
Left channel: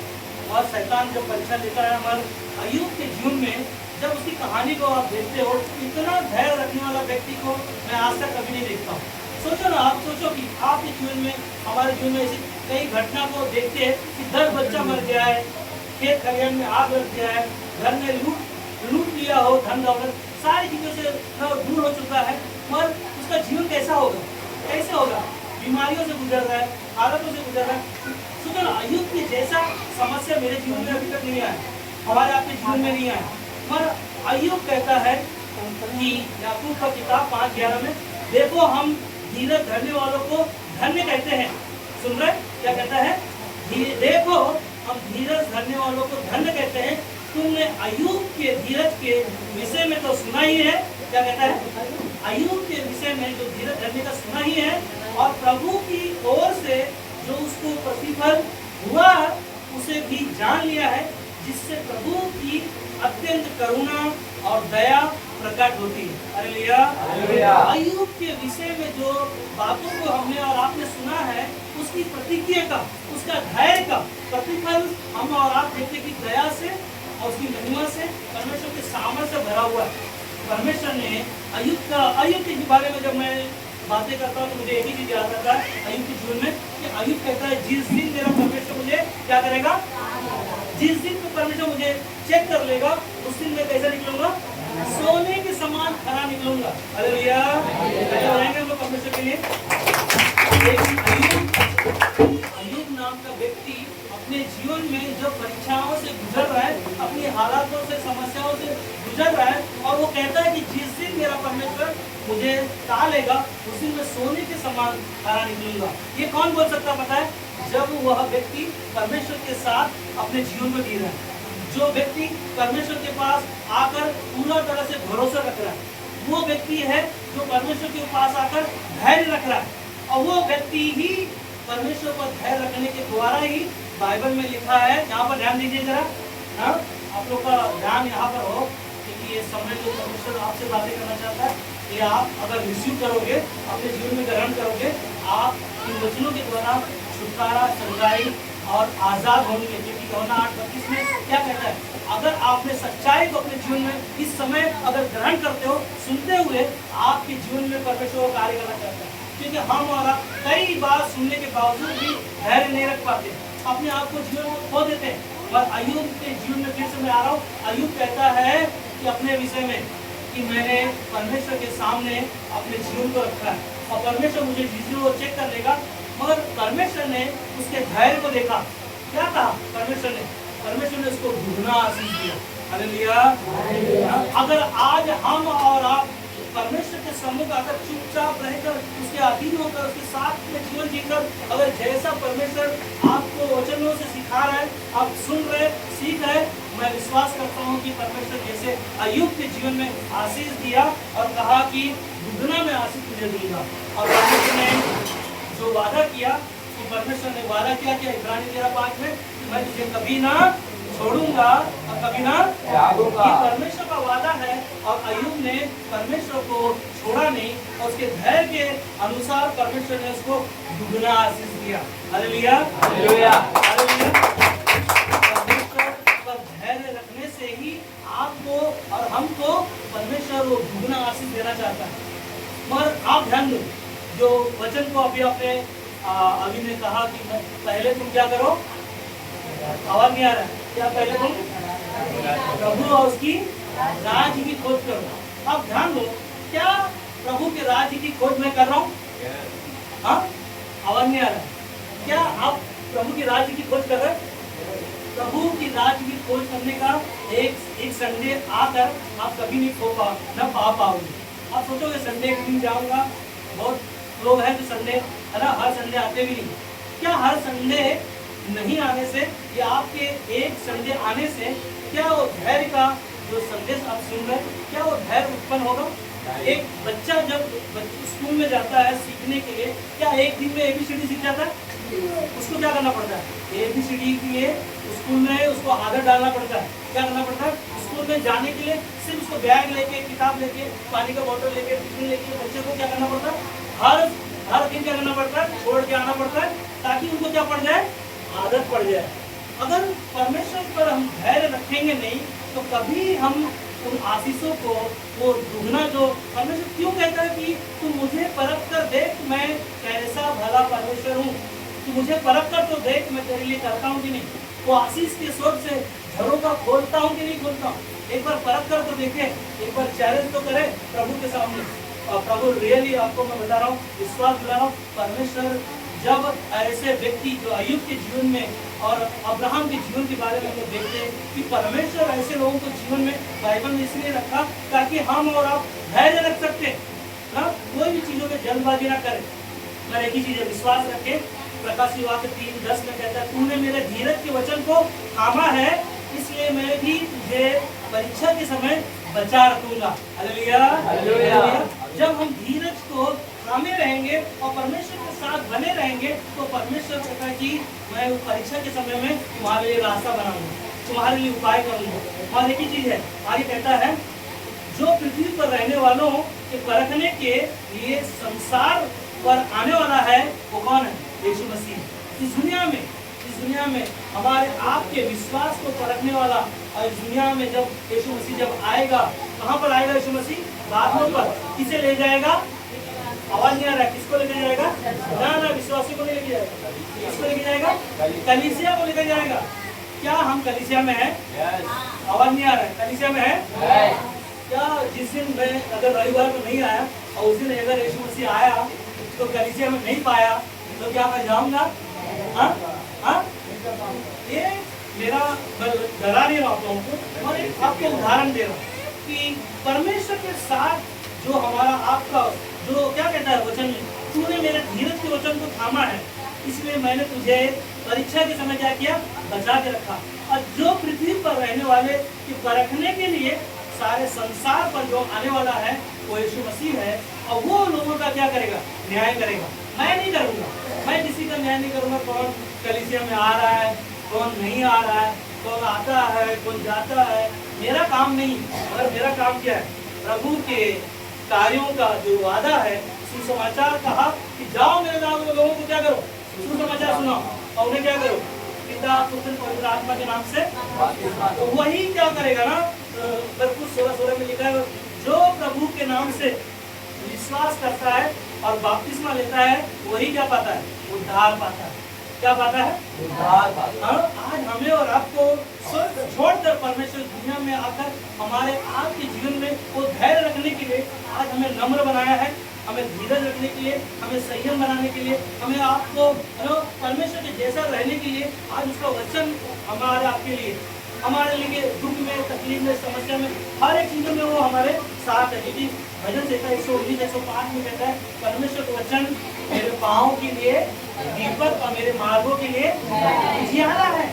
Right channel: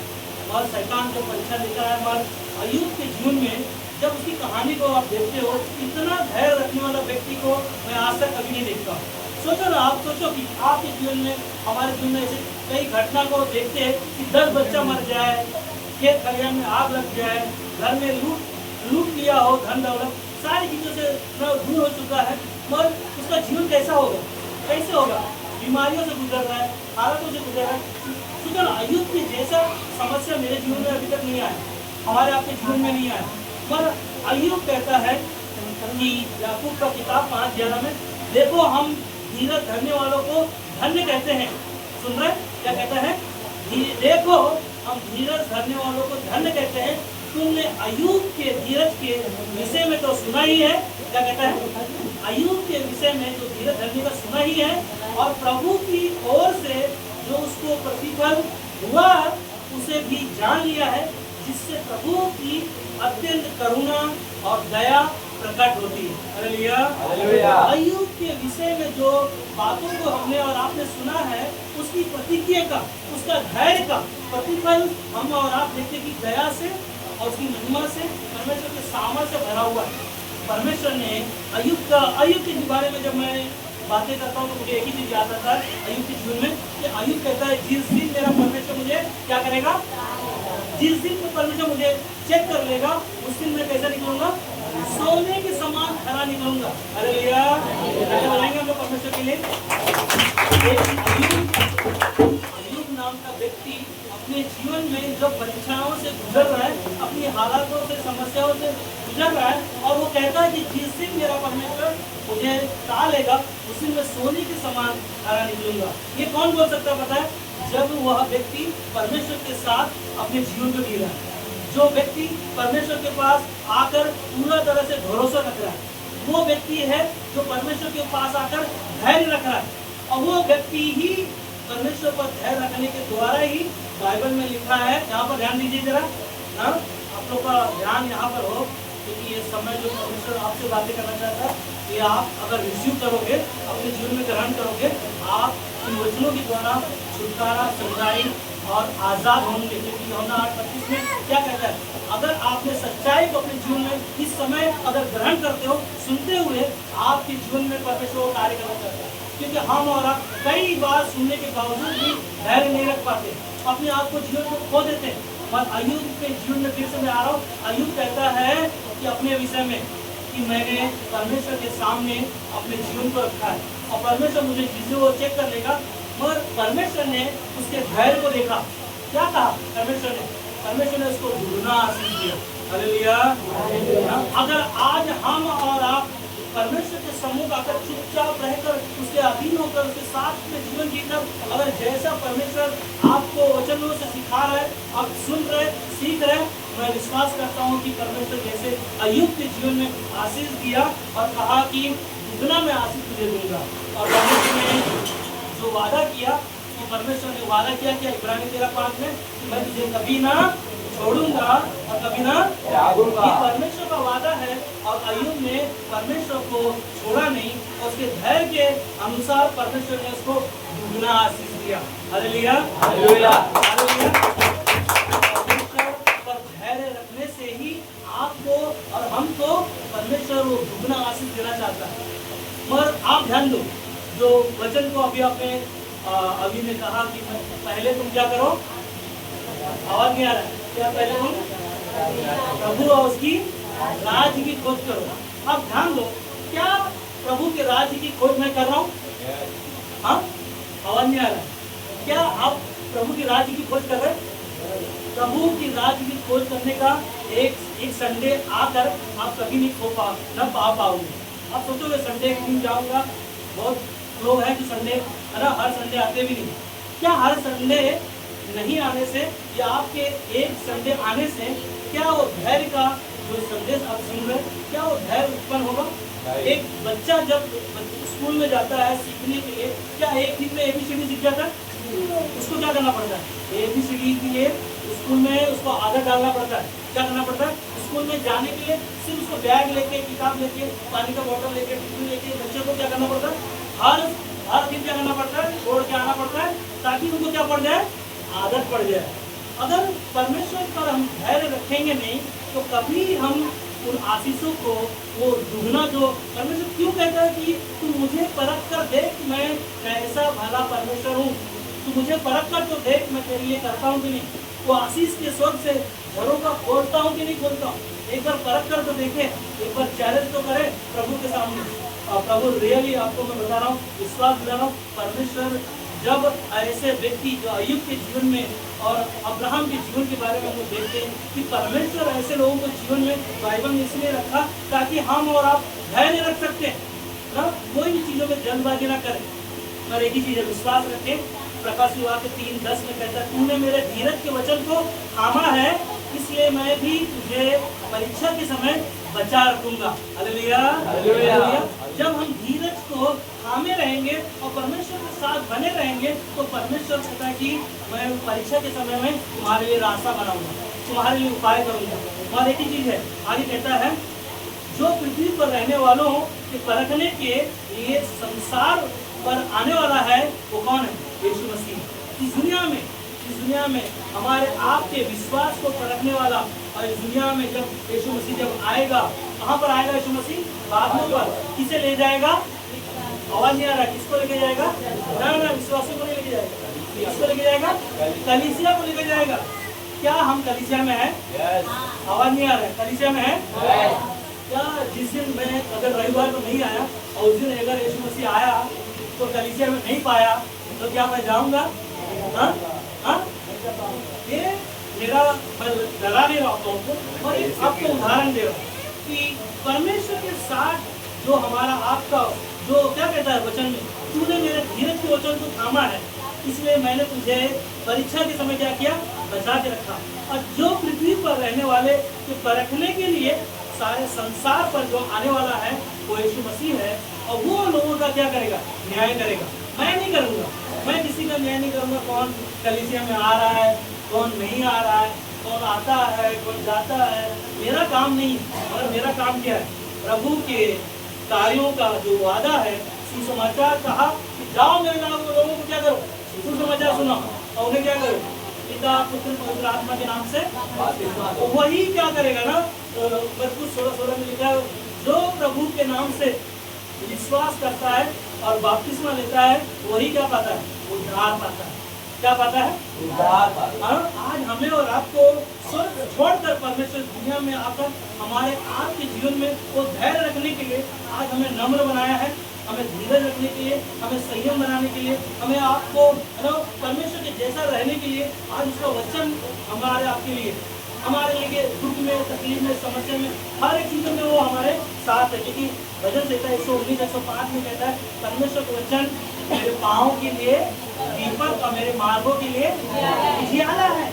और शैतान जब परीक्षा लेकर आया हमारे अय्यूब के जीवन में, जब उसकी कहानी को आप देखते हो, इतना धैर्य रखने वाला व्यक्ति को मैं आज तक कभी नहीं देखता हूँ। सोचो ना, आप सोचो कि आपके जीवन में, हमारे जीवन में ऐसी कई घटना को देखते हैं कि 10 बच्चा मर गया है, खेत खलिहान में आग लग गया है, घर में लूट लिया हो, धन दौलत सारी चीजों से दूर हो चुका है, मगर उसका जीवन कैसा होगा, कैसे होगा? बीमारियों से गुजर रहा है, हालातों से गुजर रहा है। सोचो ना, अय्यूब की जैसा समस्या मेरे जीवन में अभी तक नहीं आया, हमारे आपके जीवन में नहीं आया, मगर अय्यूब कहता है कि याकूब का किताब 5:11 में, देखो हम धीरज धरने वालों को धन्य कहते हैं। सुन रहे क्या कहता है? देखो हम धीरज धरने वालों को धन्य कहते हैं। तुमने अय्यूब के धीरज के विषय में तो सुना ही है। क्या कहता है? अय्यूब के विषय में जो धीरज धरने का सुना ही है, और प्रभु की ओर से जो उसको प्रतिफल हुआ उसे भी जान लिया है, जिससे प्रभु की अत्यंत करुणा और दया प्रकट होती है। हालेलुया। अय्यूब के विषय में जो बातों को हमने और आपने सुना है, उसकी प्रतिक्रिया का, उसका धैर्य का प्रतिफल हम और आप देखते कि दया से और उसकी महिमा से, परमेश्वर के सामर्थ्य से भरा हुआ है। परमेश्वर ने अय्यूब के बारे में जब मैं बातें करता हूँ तो मुझे एक ही चीज याद आता है अय्यूब के जीवन में, कि अय्यूब कहता है जिस दिन मेरा परमेश्वर मुझे क्या करेगा, जिस दिन को परमेश्वर मुझे चेक कर लेगा, उस दिन मैं कैसा निकलूंगा? सोने के समान खरा निकलूंगा। हालेलुया। हो जाएंगे हम लोग परमेश्वर के लिए। अय्यूब नाम का व्यक्ति अपने जीवन में जो परीक्षाओं से गुजर रहा है, अपनी हालातों से, समस्याओं से गुजर रहा है, और वो कहता है कि जिस दिन मेरा परमेश्वर मुझे टालेगा, उस दिन मैं सोने के समान खरा निकलूंगा। ये कौन बोल सकता पता है? जब वह व्यक्ति परमेश्वर के साथ अपने जीवन को जी रहा है, जो व्यक्ति परमेश्वर के पास आकर पूरा तरह से भरोसा रख रहा है, वो व्यक्ति है जो परमेश्वर के पास आकर धैर्य रख रहा है, और वो व्यक्ति ही परमेश्वर पर धैर्य रखने के द्वारा ही बाइबल में लिखा है। यहाँ पर ध्यान दीजिए जरा, हाँ, आप लोग का ध्यान यहाँ पर हो, क्योंकि ये समय जो परमेश्वर आपसे बातें करना चाहता है, ये आप अगर रिसीव करोगे, अपने जीवन में ग्रहण करोगे, आप इन वचनों के द्वारा छुटकारा, सच्चाई और आजाद होंगे। क्योंकि यूहन्ना 8:32 में क्या कहता है? अगर आपने सच्चाई को अपने जीवन में इस समय अगर ग्रहण करते हो, सुनते हुए, आपके जीवन में परमेश्वर को कार्य करना चाहता है। क्योंकि हम और आप कई बार सुनने के बावजूद भी धैर्य नहीं रख पाते, अपने आप को जीवन में खो देते हैं। और अय्यूब के जीवन में फिर से मैं आ रहा हूँ। अय्यूब कहता है कि अपने विषय में कि मैंने परमेश्वर के सामने अपने जीवन को रखा है, और परमेश्वर मुझे जिसे वो चेक कर लेगा। मगर परमेश्वर ने उसके धैर्य को देखा। क्या कहा परमेश्वर ने उसको दुगना आशीष दिया। हालेलुया। अगर आज हम और आप परमेश्वर के सम्मुख आकर चुपचाप रहकर, उसके अधीन होकर, उसके साथ में जीवन जीकर, अगर जैसा परमेश्वर आपको वचनों से सिखा रहा है, आप सुन रहे, सीख रहे, मैं विश्वास करता हूँ कि परमेश्वर जैसे अय्यूब के जीवन में आशीष दिया और कहा कि दुगना में आशीष तुझे दूंगा। और परमेश्वर ने जो वादा किया, कि परमेश्वर ने वादा किया कि इब्रानी 13:5 में, कि मैं तुझे कभी ना छोड़ूंगा और कभी ना त्यागूंगा। ये परमेश्वर का वादा है, और अय्यूब ने परमेश्वर को छोड़ा नहीं, और उसके धैर्य के अनुसार परमेश्वर ने उसको दुगना आशीष दिया। Hallelujah, hallelujah, hallelujah. परमेश्वर पर धैर्य रखने से ही आपको और हमको परमेश्वर वो दुगना आशीष देना चाहता है। मगर आप ध्यान दो, जो वचन को अभी आपने अभी ने कहा कि पहले तुम क्या करो, आवाज नहीं आ रहा है क्या? पहले तुम प्रभु और उसकी राज्य की खोज करो। अब ध्यान दो, क्या प्रभु के राज्य की खोज मैं कर रहा हूँ? हाँ, आवाज नहीं आ रहा है क्या? आप प्रभु की राज्य की खोज कर रहे हैं? प्रभु की राज्य की खोज करने का एक संडे आकर आप कभी नहीं पा पाओगे। आप सोचोगे संडे के दिन जाऊंगा, बहुत लोग हैं जो संडे है ना, हर संडे आते भी नहीं। क्या हर संडे नहीं आने से या आपके एक संडे आने से क्या वो धैर्य का जो संदेश आप सुन रहे, क्या वो धैर्य उत्पन्न होगा? एक बच्चा जब स्कूल में जाता है सीखने के लिए, क्या एक दिन में ABCD सीख जाता है? उसको क्या करना पड़ता है? ABCD के लिए स्कूल में उसको आदत डालना पड़ता है। क्या करना पड़ता है? स्कूल में जाने के लिए सिर्फ उसको बैग लेके, किताब लेके, पानी का बोतल लेके, टिफिन लेके बच्चे को क्या करना पड़ता है? हर दिन क्या करना पड़ता है? छोड़ के आना पड़ता है, ताकि उनको क्या पड़ जाए? आदत पड़ जाए। अगर परमेश्वर पर हम धैर्य रखेंगे नहीं, तो कभी हम उन आशीषों को, वो दुगना जो परमेश्वर क्यों कहता है कि तू मुझे परख कर देख मैं कैसा भला परमेश्वर हूँ, तू मुझे परख कर तो देख मैं तेरे लिए करता हूँ कि नहीं, वो आशीष के स्वर्ग से घरों का खोलता हूँ कि नहीं खोलता हूँ। एक बार परख कर तो देखे, एक बार चैलेंज तो करे प्रभु के सामने। और प्रभु रियली आपको मैं बता रहा हूँ, विश्वास दिला रहा हूँ, परमेश्वर जब ऐसे व्यक्ति जो अय्यूब के जीवन में और अब्राहम के जीवन के बारे में हम लोग देखते हैं कि परमेश्वर ऐसे लोगों को जीवन में बाइबल में इसलिए रखा ताकि हम और आप धैर्य रख सकते हैं ना, कोई भी चीज़ों में जल्दबाजी ना करें, पर एक ही चीज़ है, विश्वास रखें। प्रकाश वाक्य 3:10 में कहता है, तूने मेरे धीरज के वचन को थामा है, इसलिए मैं भी तुझे परीक्षा के समय बचा रखूंगा। Hallelujah, hallelujah. जब हम धीरज को थामे रहेंगे और परमेश्वर के साथ बने रहेंगे तो परमेश्वर कहता है कि मैं परीक्षा के समय में तुम्हारे लिए रास्ता बनाऊंगा, तुम्हारे लिए उपाय करूंगा। और एक ही चीज है, आगे कहता है, जो पृथ्वी पर रहने वालों के परखने के लिए संसार पर आने वाला है वो कौन है? यीशु मसीह। इस दुनिया में हमारे आपके विश्वास को परखने वाला, और इस दुनिया में जब यीशु मसीह जब आएगा, कहाँ पर आएगा यीशु मसीह? बादलों पर। किसे ले जाएगा? आवाज नहीं आ रहा है, किसको लेके जाएगा? ना, विश्वासियों को नहीं लेके जाएगा। किसको लेके जाएगा? कलीसिया को लेके जाएगा। क्या हम कलीसिया में हैं? आवाज नहीं आ रहा है, कलीसिया में है क्या? जिस दिन मैं अगर रविवार को नहीं आया और उस दिन अगर यीशु मसीह आया तो कलीसिया में नहीं पाया तो क्या मैं जाऊंगा? ये मेरा डरा नहीं रहा आपको, और एक आपको उदाहरण दे रहा हूँ कि परमेश्वर के साथ जो हमारा आपका जो क्या कहता है वचन में, तूने मेरे धीरज के वचन को थामा है, इसलिए मैंने तुझे परीक्षा के समय क्या किया? बचा के रखा। और जो पृथ्वी पर रहने वाले के परखने के लिए सारे संसार पर जो आने वाला है वो यीशु मसीह है, और वो लोगों का क्या करेगा? न्याय करेगा। मैं नहीं करूँगा, मैं किसी का न्याय नहीं करूँगा, कौन कलीसिया में आ रहा है, कौन नहीं आ रहा है, कौन आता है, कौन जाता है, मेरा काम नहीं। और मेरा काम क्या है? प्रभु के कार्यों का जो वादा है, सुसमाचार कहा कि जाओ मेरे नाम के लोगों को क्या करो? सुसमाचार सुनाओ, और उन्हें क्या करो? पिता पुत्र पवित्र आत्मा के नाम से। तो वही क्या करेगा ना, मरकुस 16:16 में लिखा है, जो प्रभु के नाम से विश्वास करता है और बपतिस्मा लेता है वही क्या पाता है? उद्धार पाता है। क्या पाता है? उद्धार पाता है। आज हमें और आपको स्वर्ग छोड़कर परमेश्वर दुनिया में आकर हमारे आपके जीवन में वो धैर्य रखने के लिए आज हमें नम्र बनाया है, हमें धीरज रखने के लिए, हमें संयम बनाने के लिए, हमें आपको परमेश्वर के जैसा रहने के लिए आज उसका वचन हमारे आपके लिए, हमारे लिए दुख में, तकलीफ में, समस्या में, हर एक चीज़ में वो हमारे साथ है। क्योंकि भजन संहिता 119-105 में कहता है, परमेश्वर का वचन मेरे पाँव के लिए दीपक और मेरे मार्गों के लिए उजियारा है।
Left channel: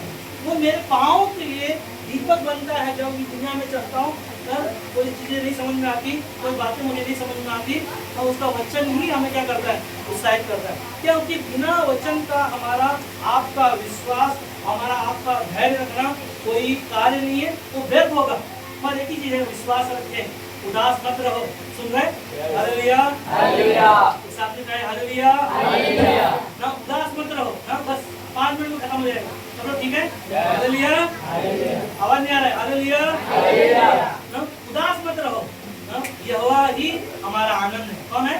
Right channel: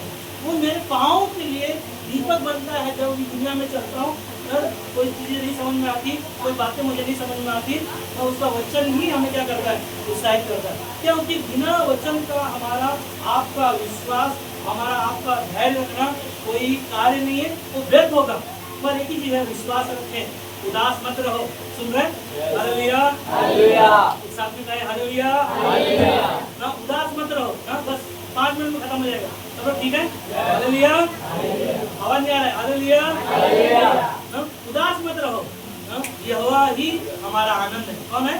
वो मेरे पाँव के लिए दीपक बनता है। जब इस दुनिया में चलता हूँ, कोई चीज़ें नहीं समझ में आती, कोई बातें मुझे नहीं समझ में आती, तो उसका वचन ही हमें क्या करता है? उत्साहित करता है। क्योंकि बिना वचन का हमारा आपका विश्वास, हमारा आपका धैर्य रखना कोई कार्य नहीं है, वो व्यर्थ होगा। पर एक ही चीज़ है, विश्वास रखें, उदास मत रहो। सुन रहे? Hallelujah, hallelujah. एक साथ में कहे हालेलुया, हालेलुया। ना उदास मत रहो ना, बस 5 मिनट में खत्म हो जाएगा। सब ठीक है? हालेलुया, आवाज नहीं आ रहा है? Hallelujah, hallelujah. ना उदास मत रहो ना, यहोवा ही हमारा आनंद है। कौन है?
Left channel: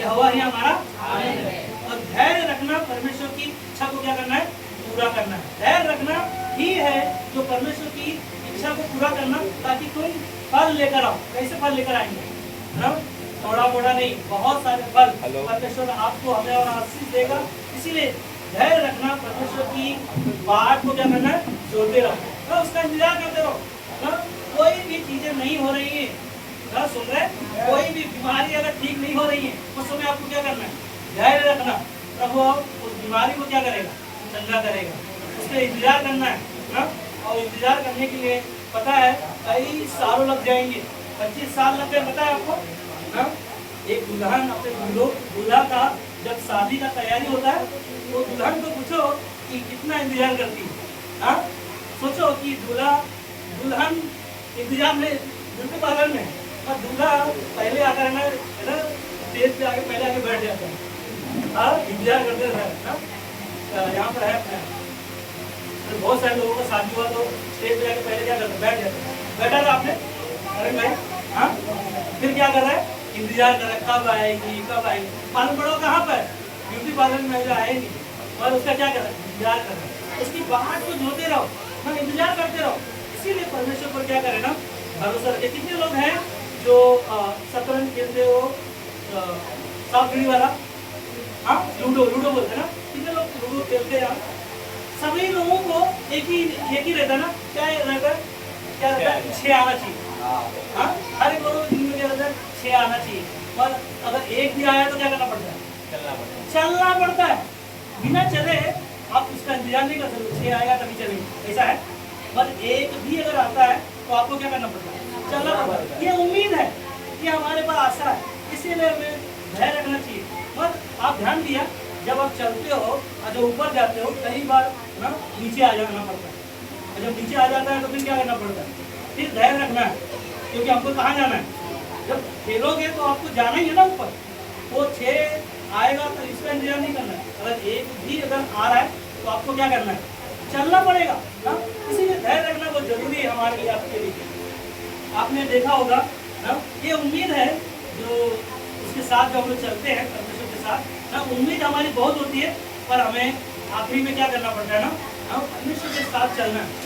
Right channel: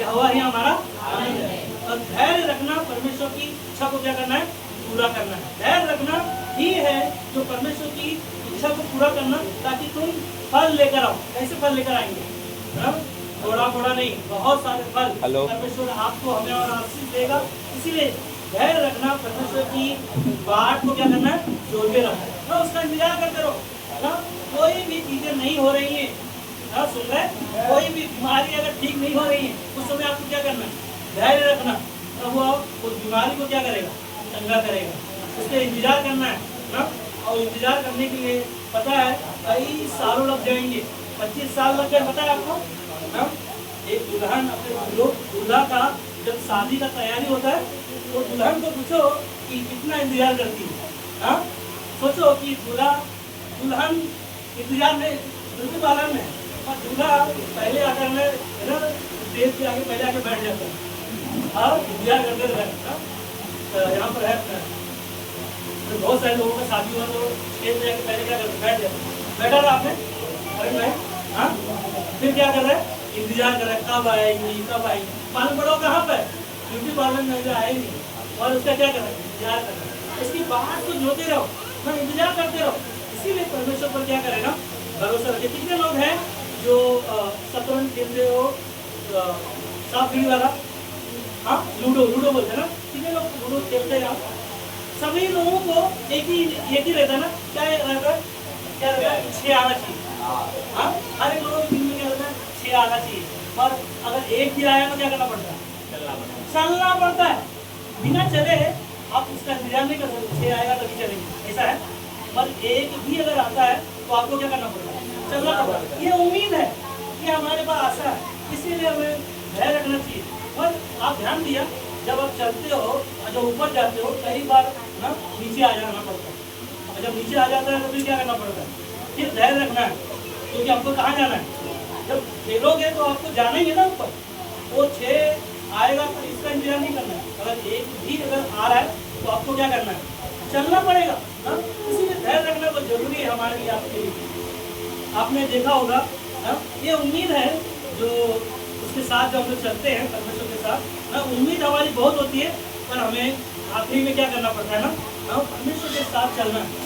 यहोवा ही हमारा आनंद है। और धैर्य रखना, परमेश्वर की इच्छा को क्या करना है? पूरा करना है। धैर्य रखना ही है जो परमेश्वर की इच्छा को पूरा करना, ताकि तुम फल लेकर आओ। कैसे फल लेकर आएंगे? थोड़ा मोड़ा नहीं, बहुत सारे फल परमेश्वर आपको, हमें और आशीष देगा। इसीलिए धैर्य रखना, परमेश्वर की बात को क्या करना है? जोड़ते रहो, उसका इंतजार करते रहो ना। कोई भी चीजें नहीं हो रही है ना, सुन रहे? कोई भी बीमारी अगर ठीक नहीं हो रही है, उस समय आपको क्या करना है? धैर्य रखना। प्रभु उस बीमारी को क्या करेगा? चंगा करेगा। उसका इंतजार करना है ना, और इंतजार करने के लिए पता है कई सालों लग जाएंगे, 25 साल लग गए, पता है आपको ना। एक दुल्हन अपने दूल्हा का जब शादी का तैयारी होता है तो दुल्हन को पूछो कि कितना इंतजार करती है। हाँ, सोचो कि दुल्हन इंतजार में ब्यूटी पार्लर में है, और दूल्हा पहले आकर में ना स्टेज पे आके पहले आके बैठ जाता है। और इंतजार करते रहते यहाँ पर है बहुत सारे लोगों का शादी हुआ तो स्टेज पे जाके पहले क्या करते? बैठ जाते हैं। बैठा था आपने? करंट है। हाँ, फिर क्या कर रहा है, इंतजार कर रहा है कब आएगी कब आएगी। मालूम पड़ो कहाँ पर, ब्यूटी पार्लर में जो आए नहीं, और उसका क्या कर रहा है, इंतजार कर रहा है। उसकी बात को जोते रहो ना, इंतजार करते रहो। इसीलिए परमेश्वर पर क्या करें ना, भरोसा रखे। कितने लोग हैं जो शतरंज खेलते हो, सांप सीढ़ी वाला, हाँ लूडो बोलते हैं ना, कितने लोग लूडो खेलते हैं। सभी लोगों को एक ही रहता है ना, क्या रहता है, क्या रहता है, 6 आना चाहिए। हाँ, हर एक लोगों में क्या रहता है, 6 आना चाहिए। पर अगर एक भी आया तो क्या करना पड़ता है, चलना पड़ता है। बिना चले आप उसका इंतजार नहीं कर सकते, 6 आएगा तभी चलेंगे, ऐसा है। पर एक भी अगर आता है तो आपको क्या करना पड़ता है, चलना पड़ता है। ये उम्मीद है कि हमारे पास आशा है, इसीलिए हमें धैर्य रखना चाहिए। और आप ध्यान दिया, जब आप चलते हो और जब ऊपर जाते हो, कई बार ना नीचे आ जाना पड़ता है, और जब नीचे आ जाता है तो फिर क्या करना पड़ता है, फिर धैर्य रखना है, क्योंकि हमको कहाँ जाना है। जब खेलोगे तो आपको जाना ही है ना ऊपर, वो 6 आएगा तो इसका इंतजार नहीं करना है। अगर एक भी अगर आ रहा है तो आपको क्या करना है, चलना पड़ेगा ना। इसीलिए धैर्य रखना बहुत जरूरी है हमारे लिए, आपके लिए। आपने देखा होगा ना, ये उम्मीद है जो उसके साथ जो हम लोग चलते हैं परमेश्वर के साथ ना, उम्मीद हमारी बहुत होती है, पर हमें आखिरी में क्या करना पड़ता है ना, परमेश्वर के साथ चलना है।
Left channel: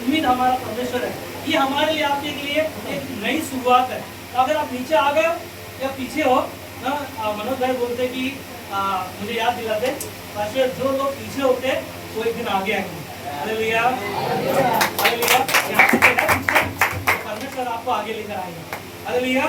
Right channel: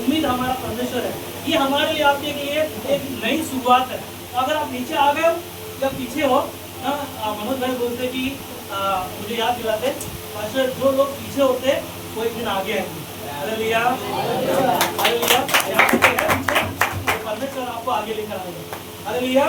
उम्मीद हमारा परमेश्वर है, ये हमारे लिए आपके लिए एक नई शुरुआत है। अगर आप नीचे आ गए हो या पीछे हो ना, मनोज भाई बोलते कि मुझे याद दिलाते, पास्टर जो लोग पीछे होते वो एक दिन आगे आएंगे। Hallelujah, hallelujah. यहाँ पे देखा पीछे, परमेश्वर आपको आगे लेकर आएगा। हालेलुया।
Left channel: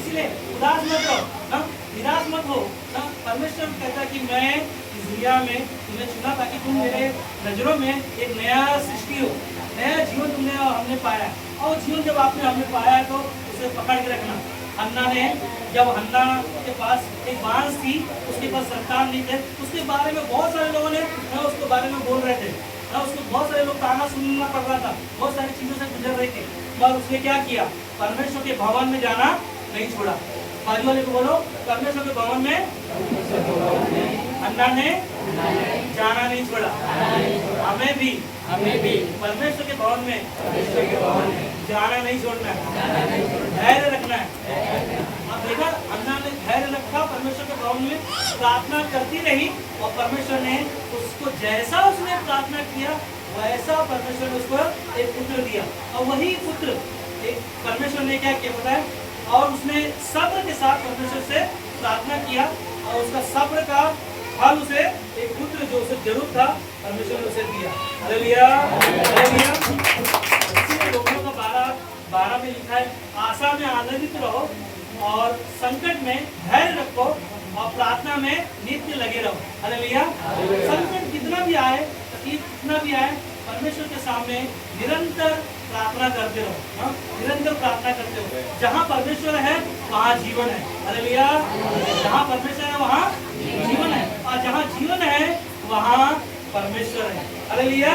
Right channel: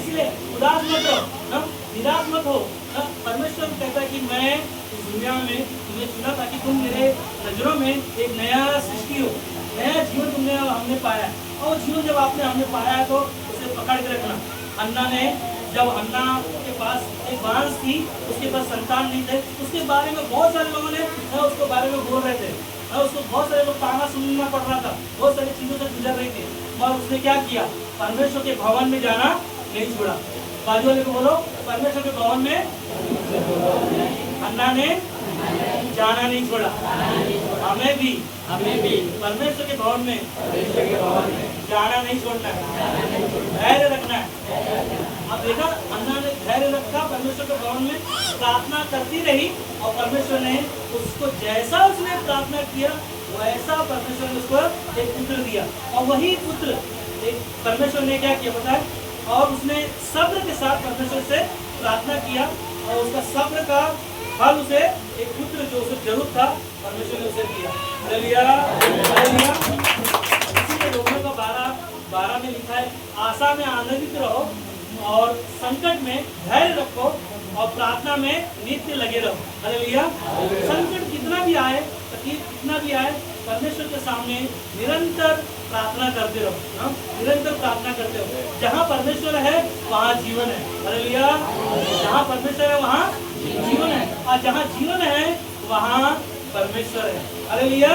इसलिए उदास मत रहो ना, निराश मत हो ना। परमेश्वर कहता है कि मैं इस दुनिया में तुम्हें चुना ताकि तुम मेरे नजरों में एक नया सृष्टि हो, नया जीवन तुमने हमने पाया है। और वो जीवन जब हमने पाया है तो उसे पकड़ के रखना। हन्ना ने, जब हन्ना के पास एक बांस थी, उसके पास संतान नहीं थे, उसके बारे में बहुत सारे लोगों ने उसके बारे में बोल रहे थे, उसको बहुत सारे लोग ताना सुनना पड़ रहा था, बहुत सारी चीजों से गुजर रही थी, और उसने क्या किया, परमेश्वर के भवन में जाना नहीं छोड़ा। बाजू वाले को बोलो, परमेश्वर के भवन में हन्ना ने जाना नहीं छोड़ा। हमें भी परमेश्वर के भवन में जाना नहीं छोड़ना है, धैर्य रखना है। अब देखा, हन्ना ने धैर्य रखा, परमेश्वर के भवन में प्रार्थना करती रही, और परमेश्वर ने उसको जैसा उसने प्रार्थना किया वैसा परमेश्वर ने उसको एक पुत्र दिया। और वही पुत्र एक परमेश्वर ने क्या किया पता है, और उसने सब्र के साथ परमेश्वर से प्रार्थना किया, और उसका सब्र का फल उसे एक पुत्र जो उसे जरूर था, परमेश्वर ने उसे दिया। Hallelujah, hallelujah. इसलिए रोमियो का 12 में लिखा है, आशा में आनंदित रहो और संकट में धैर्य रखो और प्रार्थना में नित्य लगे रहो। हालेलुया। संकट कितना भी आए, तकलीफ कितना भी आए, परमेश्वर के सामने निरंतर प्रार्थना करते रहो, निरंतर प्रार्थना करते रहो। जहाँ परमेश्वर है वहाँ जीवन है। हालेलुया। जहाँ परमेश्वर है वहाँ जीवन है, और जहाँ जीवन है वहाँ परमेश्वर है। हालेलुया।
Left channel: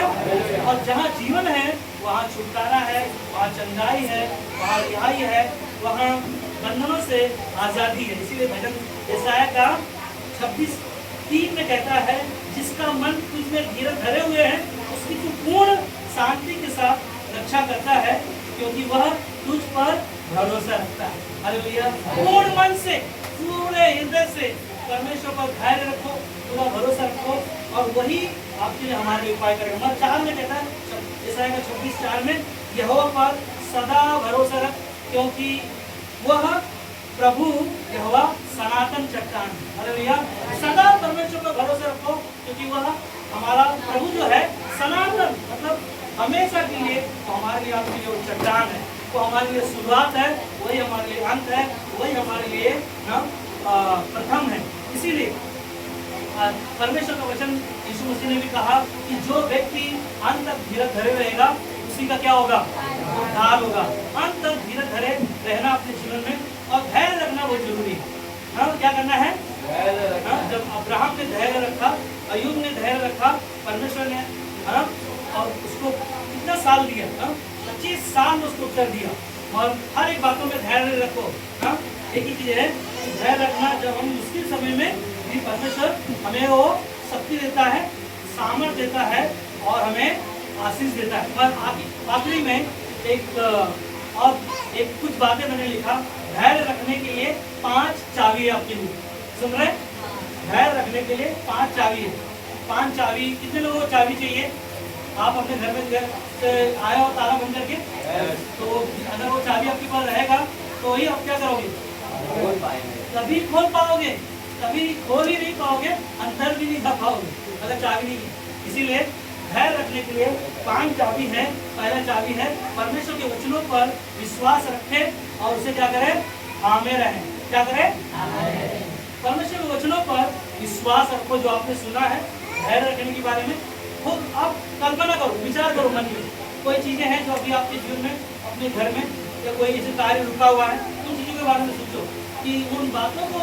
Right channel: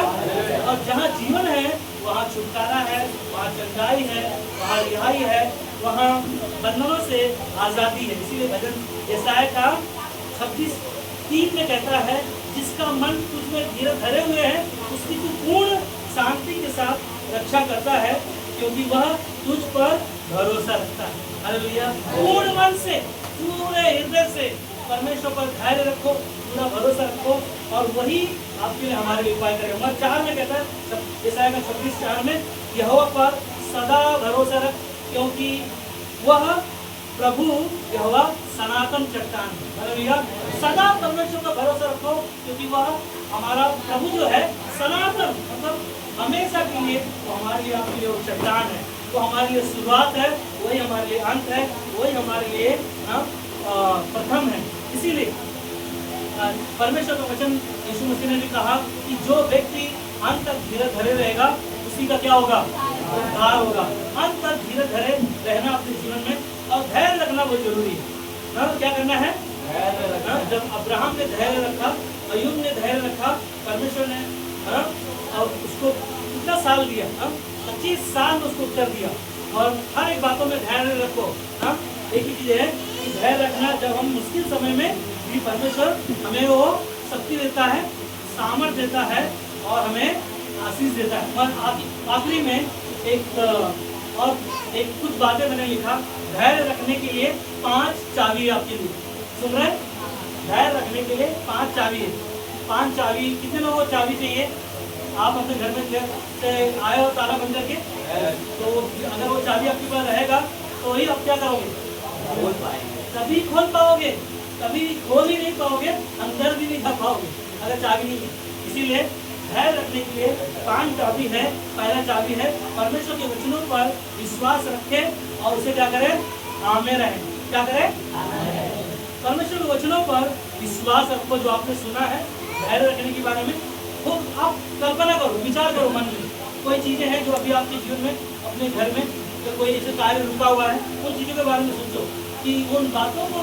और जहाँ जीवन है वहाँ छुटकारा है, वहाँ चंगाई है, वहाँ रिहाई है, वहाँ बंधनों से आजादी है। इसीलिए भजन यशायाह का 26:3 में कहता है, जिसका मन तुझ में धरे हुए है उसकी तू पूर्ण शांति के साथ रक्षा करता है, क्योंकि वह तुझ पर भरोसा रखता है। हालेलुया। पूर्ण मन से, पूरे हृदय से परमेश्वर पर धैर्य रखो, पूरा भरोसा रखो, और वही आपके लिए हमारे लिए उपाय करेगा। नंबर 4 में कहता है, यशायाह का 26:4 में, यहोवा पर सदा भरोसा रख, क्योंकि वह प्रभु यहोवा सनातन चट्टान है। हालेलुया। सदा परमेश्वर पर भरोसा रखो, क्योंकि वह हमारा प्रभु जो है सनातन, मतलब हमेशा के लिए, वो हमारे लिए आपके लिए वो चट्टान है, वो हमारे लिए शुरुआत है, वही हमारे लिए अंत है, वही हमारे लिए प्रथम है। इसीलिए परमेश्वर का वचन यीशु मसीह ने भी कहा कि जो व्यक्ति अंत तक धीरज धरे रहेगा उसी का क्या होगा, उद्धार होगा। अंत तक धीरज धरे रहना अपने जीवन में, और धैर्य रखना बहुत जरूरी है। क्या करना है, जब अब्राहम ने धैर्य रखा, अय्यूब ने धैर्य रखा, परमेश्वर ने और उसको कितना साल दिया, 25 साल में उसको उत्तर दिया। और हर एक बातों में धैर्य रखो। एक ही चीज है कि धैर्य रखना, जब हम मुश्किल समय में भी परमेश्वर हमें वो शक्ति देता है, सामर्थ देता है, और हमें आशीष देता है। और आखिरी में एक और एक कुछ बातें मैंने लिखा, धैर्य रखने के लिए 5 चाबी है आपके लिए। सुन रहे हैं? धैर्य रखने के लिए 5 चाबी है। 5 चाबी, कितने लोगों को चाबी चाहिए? आप अपने घर में से आए हो ताला बंद करके, तो अगर वो चाबी आपके पास रहेगा तो ही आप क्या करोगे? तभी खोल पाओगे, तभी खोल ही नहीं पाओगे, अंदर भी नहीं जा पाओगे अगर चाबी नहीं है। इसीलिए धैर्य रखने के लिए 5 चाबी है। पहला चाबी है परमेश्वर के वचनों पर विश्वास रखें और उसे क्या करें? थामे रहें। क्या करें? परमेश्वर के वचनों पर विश्वास रखो। जो आपने सुना है धैर्य रखने के बारे में, वो आप कल्पना करो, विचार करो मन में। कोई चीजें हैं जो अभी आपके जीवन में, अपने घर में तो कोई ऐसे कार्य रुका हुआ है, उन चीजों के बारे में सोचो कि उन बातों को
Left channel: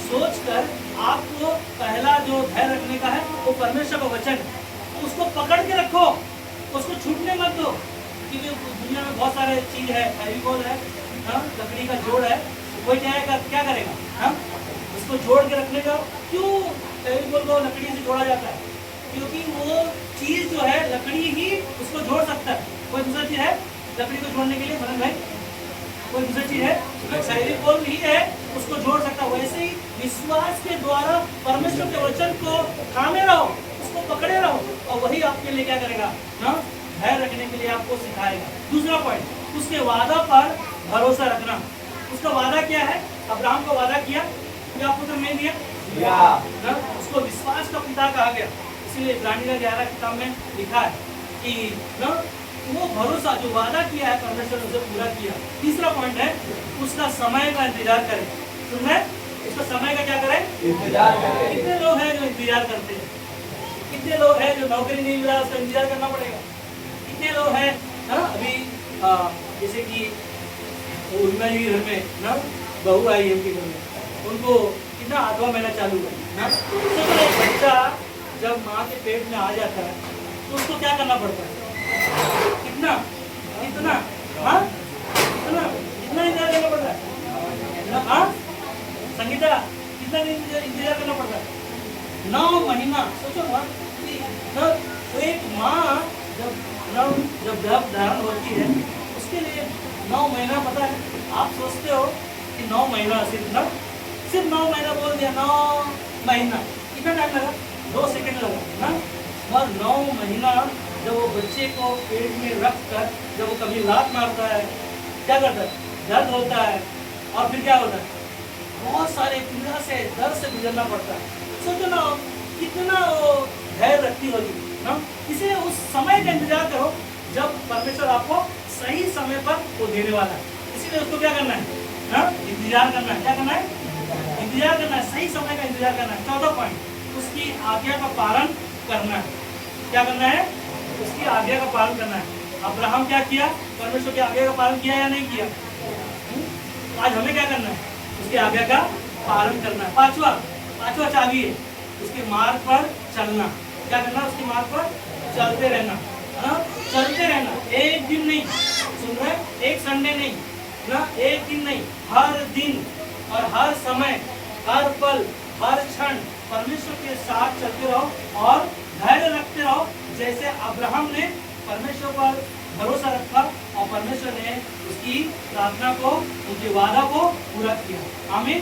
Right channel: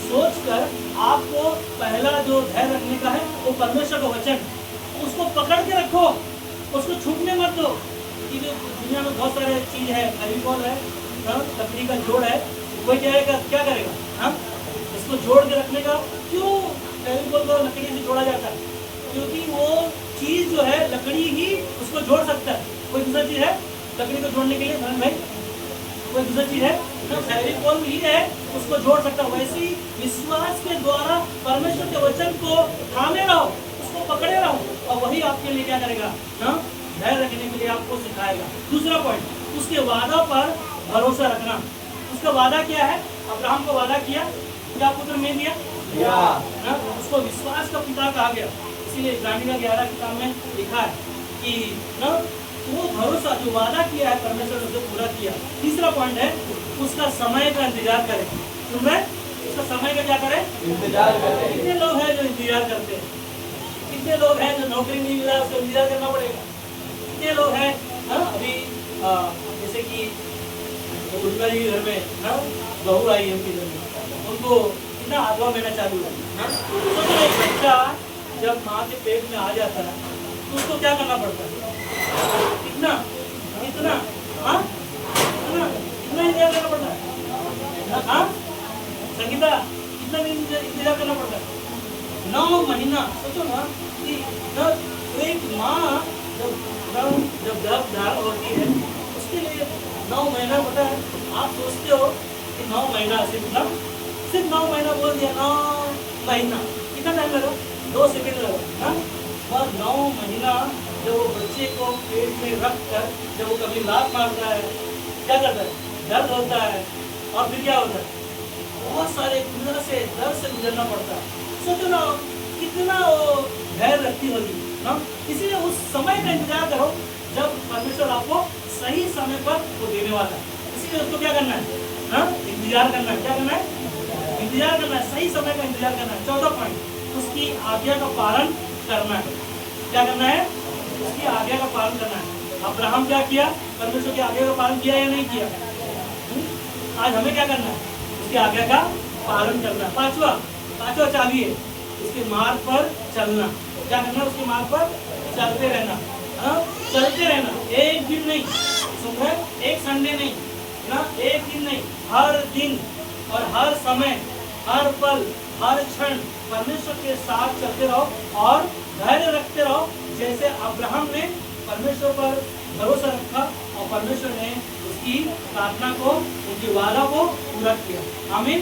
सोचकर आपको पहला जो धैर्य रखने का है वो परमेश्वर का वचन, उसको पकड़ के रखो, उसको छूटने मत दो। क्योंकि दुनिया में बहुत सारे चीज है, फेविकोल है, लकड़ी का जोड़ है, कोई क्या करेगा? हम इसको जोड़ के रखने का। क्यों फेविकोल को लकड़ी से जोड़ा जाता है? क्योंकि वो चीज जो है लकड़ी ही उसको जोड़ सकता है। कोई दूसरा चीज है लकड़ी को जोड़ने के लिए? मनन भाई, कोई दूसरी चीज है? फेविकोल ही है उसको जोड़ सकता है। वैसे ही विश्वास के द्वारा परमेश्वर के वचन को थामे रहो, उसको पकड़े रहो, और वही आपके लिए क्या करेगा? धैर्य रखने के लिए आपको सिखाएगा। दूसरा पॉइंट, उसके वादा पर भरोसा रखना। उसका वादा क्या है? अब्राहम को वादा किया, क्या पुत्र में दिया? उसको विश्वास का पिता कहा गया। इसीलिए इब्रानियों 11 किताब में लिखा है कि वो भरोसा जो वादा किया है परमेश्वर ने उसे पूरा किया। तीसरा पॉइंट है उसका समय का इंतजार करें। सुन रहे? उसका समय का क्या करें? इंतजार करें। कितने लोग हैं जो इंतजार करते हैं? कितने लोग हैं जो नौकरी नहीं मिला उसका इंतजार करना पड़ेगा? कितने लोग हैं अभी जैसे कि उनका जी घर में बहू आई है उनके घर में, उनको कितना 8वां महीना चालू है। तो एक बच्चा जब माँ के पेट में आ जाता है तो उसको क्या करना पड़ता है? कितना कितना हाँ कितना कितना इंतजार करना पड़ता है? हाँ संगीता, कितना इंतजार करना पड़ता है? 9 महीना। सोचो ना कि एक माँ जब गर्भ धारण होती है उसके लिए 9 महीना, पता है? आप सोचते हो कि 9 महीना सिर्फ 9 महीना बोल दिया, 9 महीना कितना टाइम लगा? 2 सेकंड लगा ना। और 9 महीना जब वो बच्चे को पेट में रख कर जब वो कभी लात मारता है, क्या करता है? दर्द होता है, और फिर क्या होता है? बहुत सारे पीड़ा से, दर्द से गुजरना पड़ता है। सोचो ना कितना वो धैर्य रखती होगी ना। इसलिए उस समय का इंतजार करो जब परमेश्वर आपको सही समय पर वो देने वाला है। इसीलिए उसको क्या करना है? इंतजार करना है। क्या करना है? इंतजार करना है, सही समय का इंतजार करना है। 14 पॉइंट, उसकी आज्ञा का पालन करना है। क्या करना है? उसकी आज्ञा का पालन करना है। अब्राहम क्या किया? परमेश्वर की आज्ञा का पालन किया या नहीं किया? आज हमें क्या करना है? उसकी आज्ञा का पालन करना है। पांचवा चाबी है उसके मार्ग पर चलना। क्या करना? उसके मार्ग पर चलते रहना। चलते रहना, एक दिन नहीं, सुन रहे? एक संडे नहीं ना, एक दिन नहीं, हर दिन और हर समय, हर पल, हर क्षण परमेश्वर के साथ चलते रहो और धैर्य रखते रहो। जैसे अब्राहम ने परमेश्वर पर भरोसा रखा और परमेश्वर ने उसकी प्रार्थना को, उनके वादा को पूरा किया। आमीन।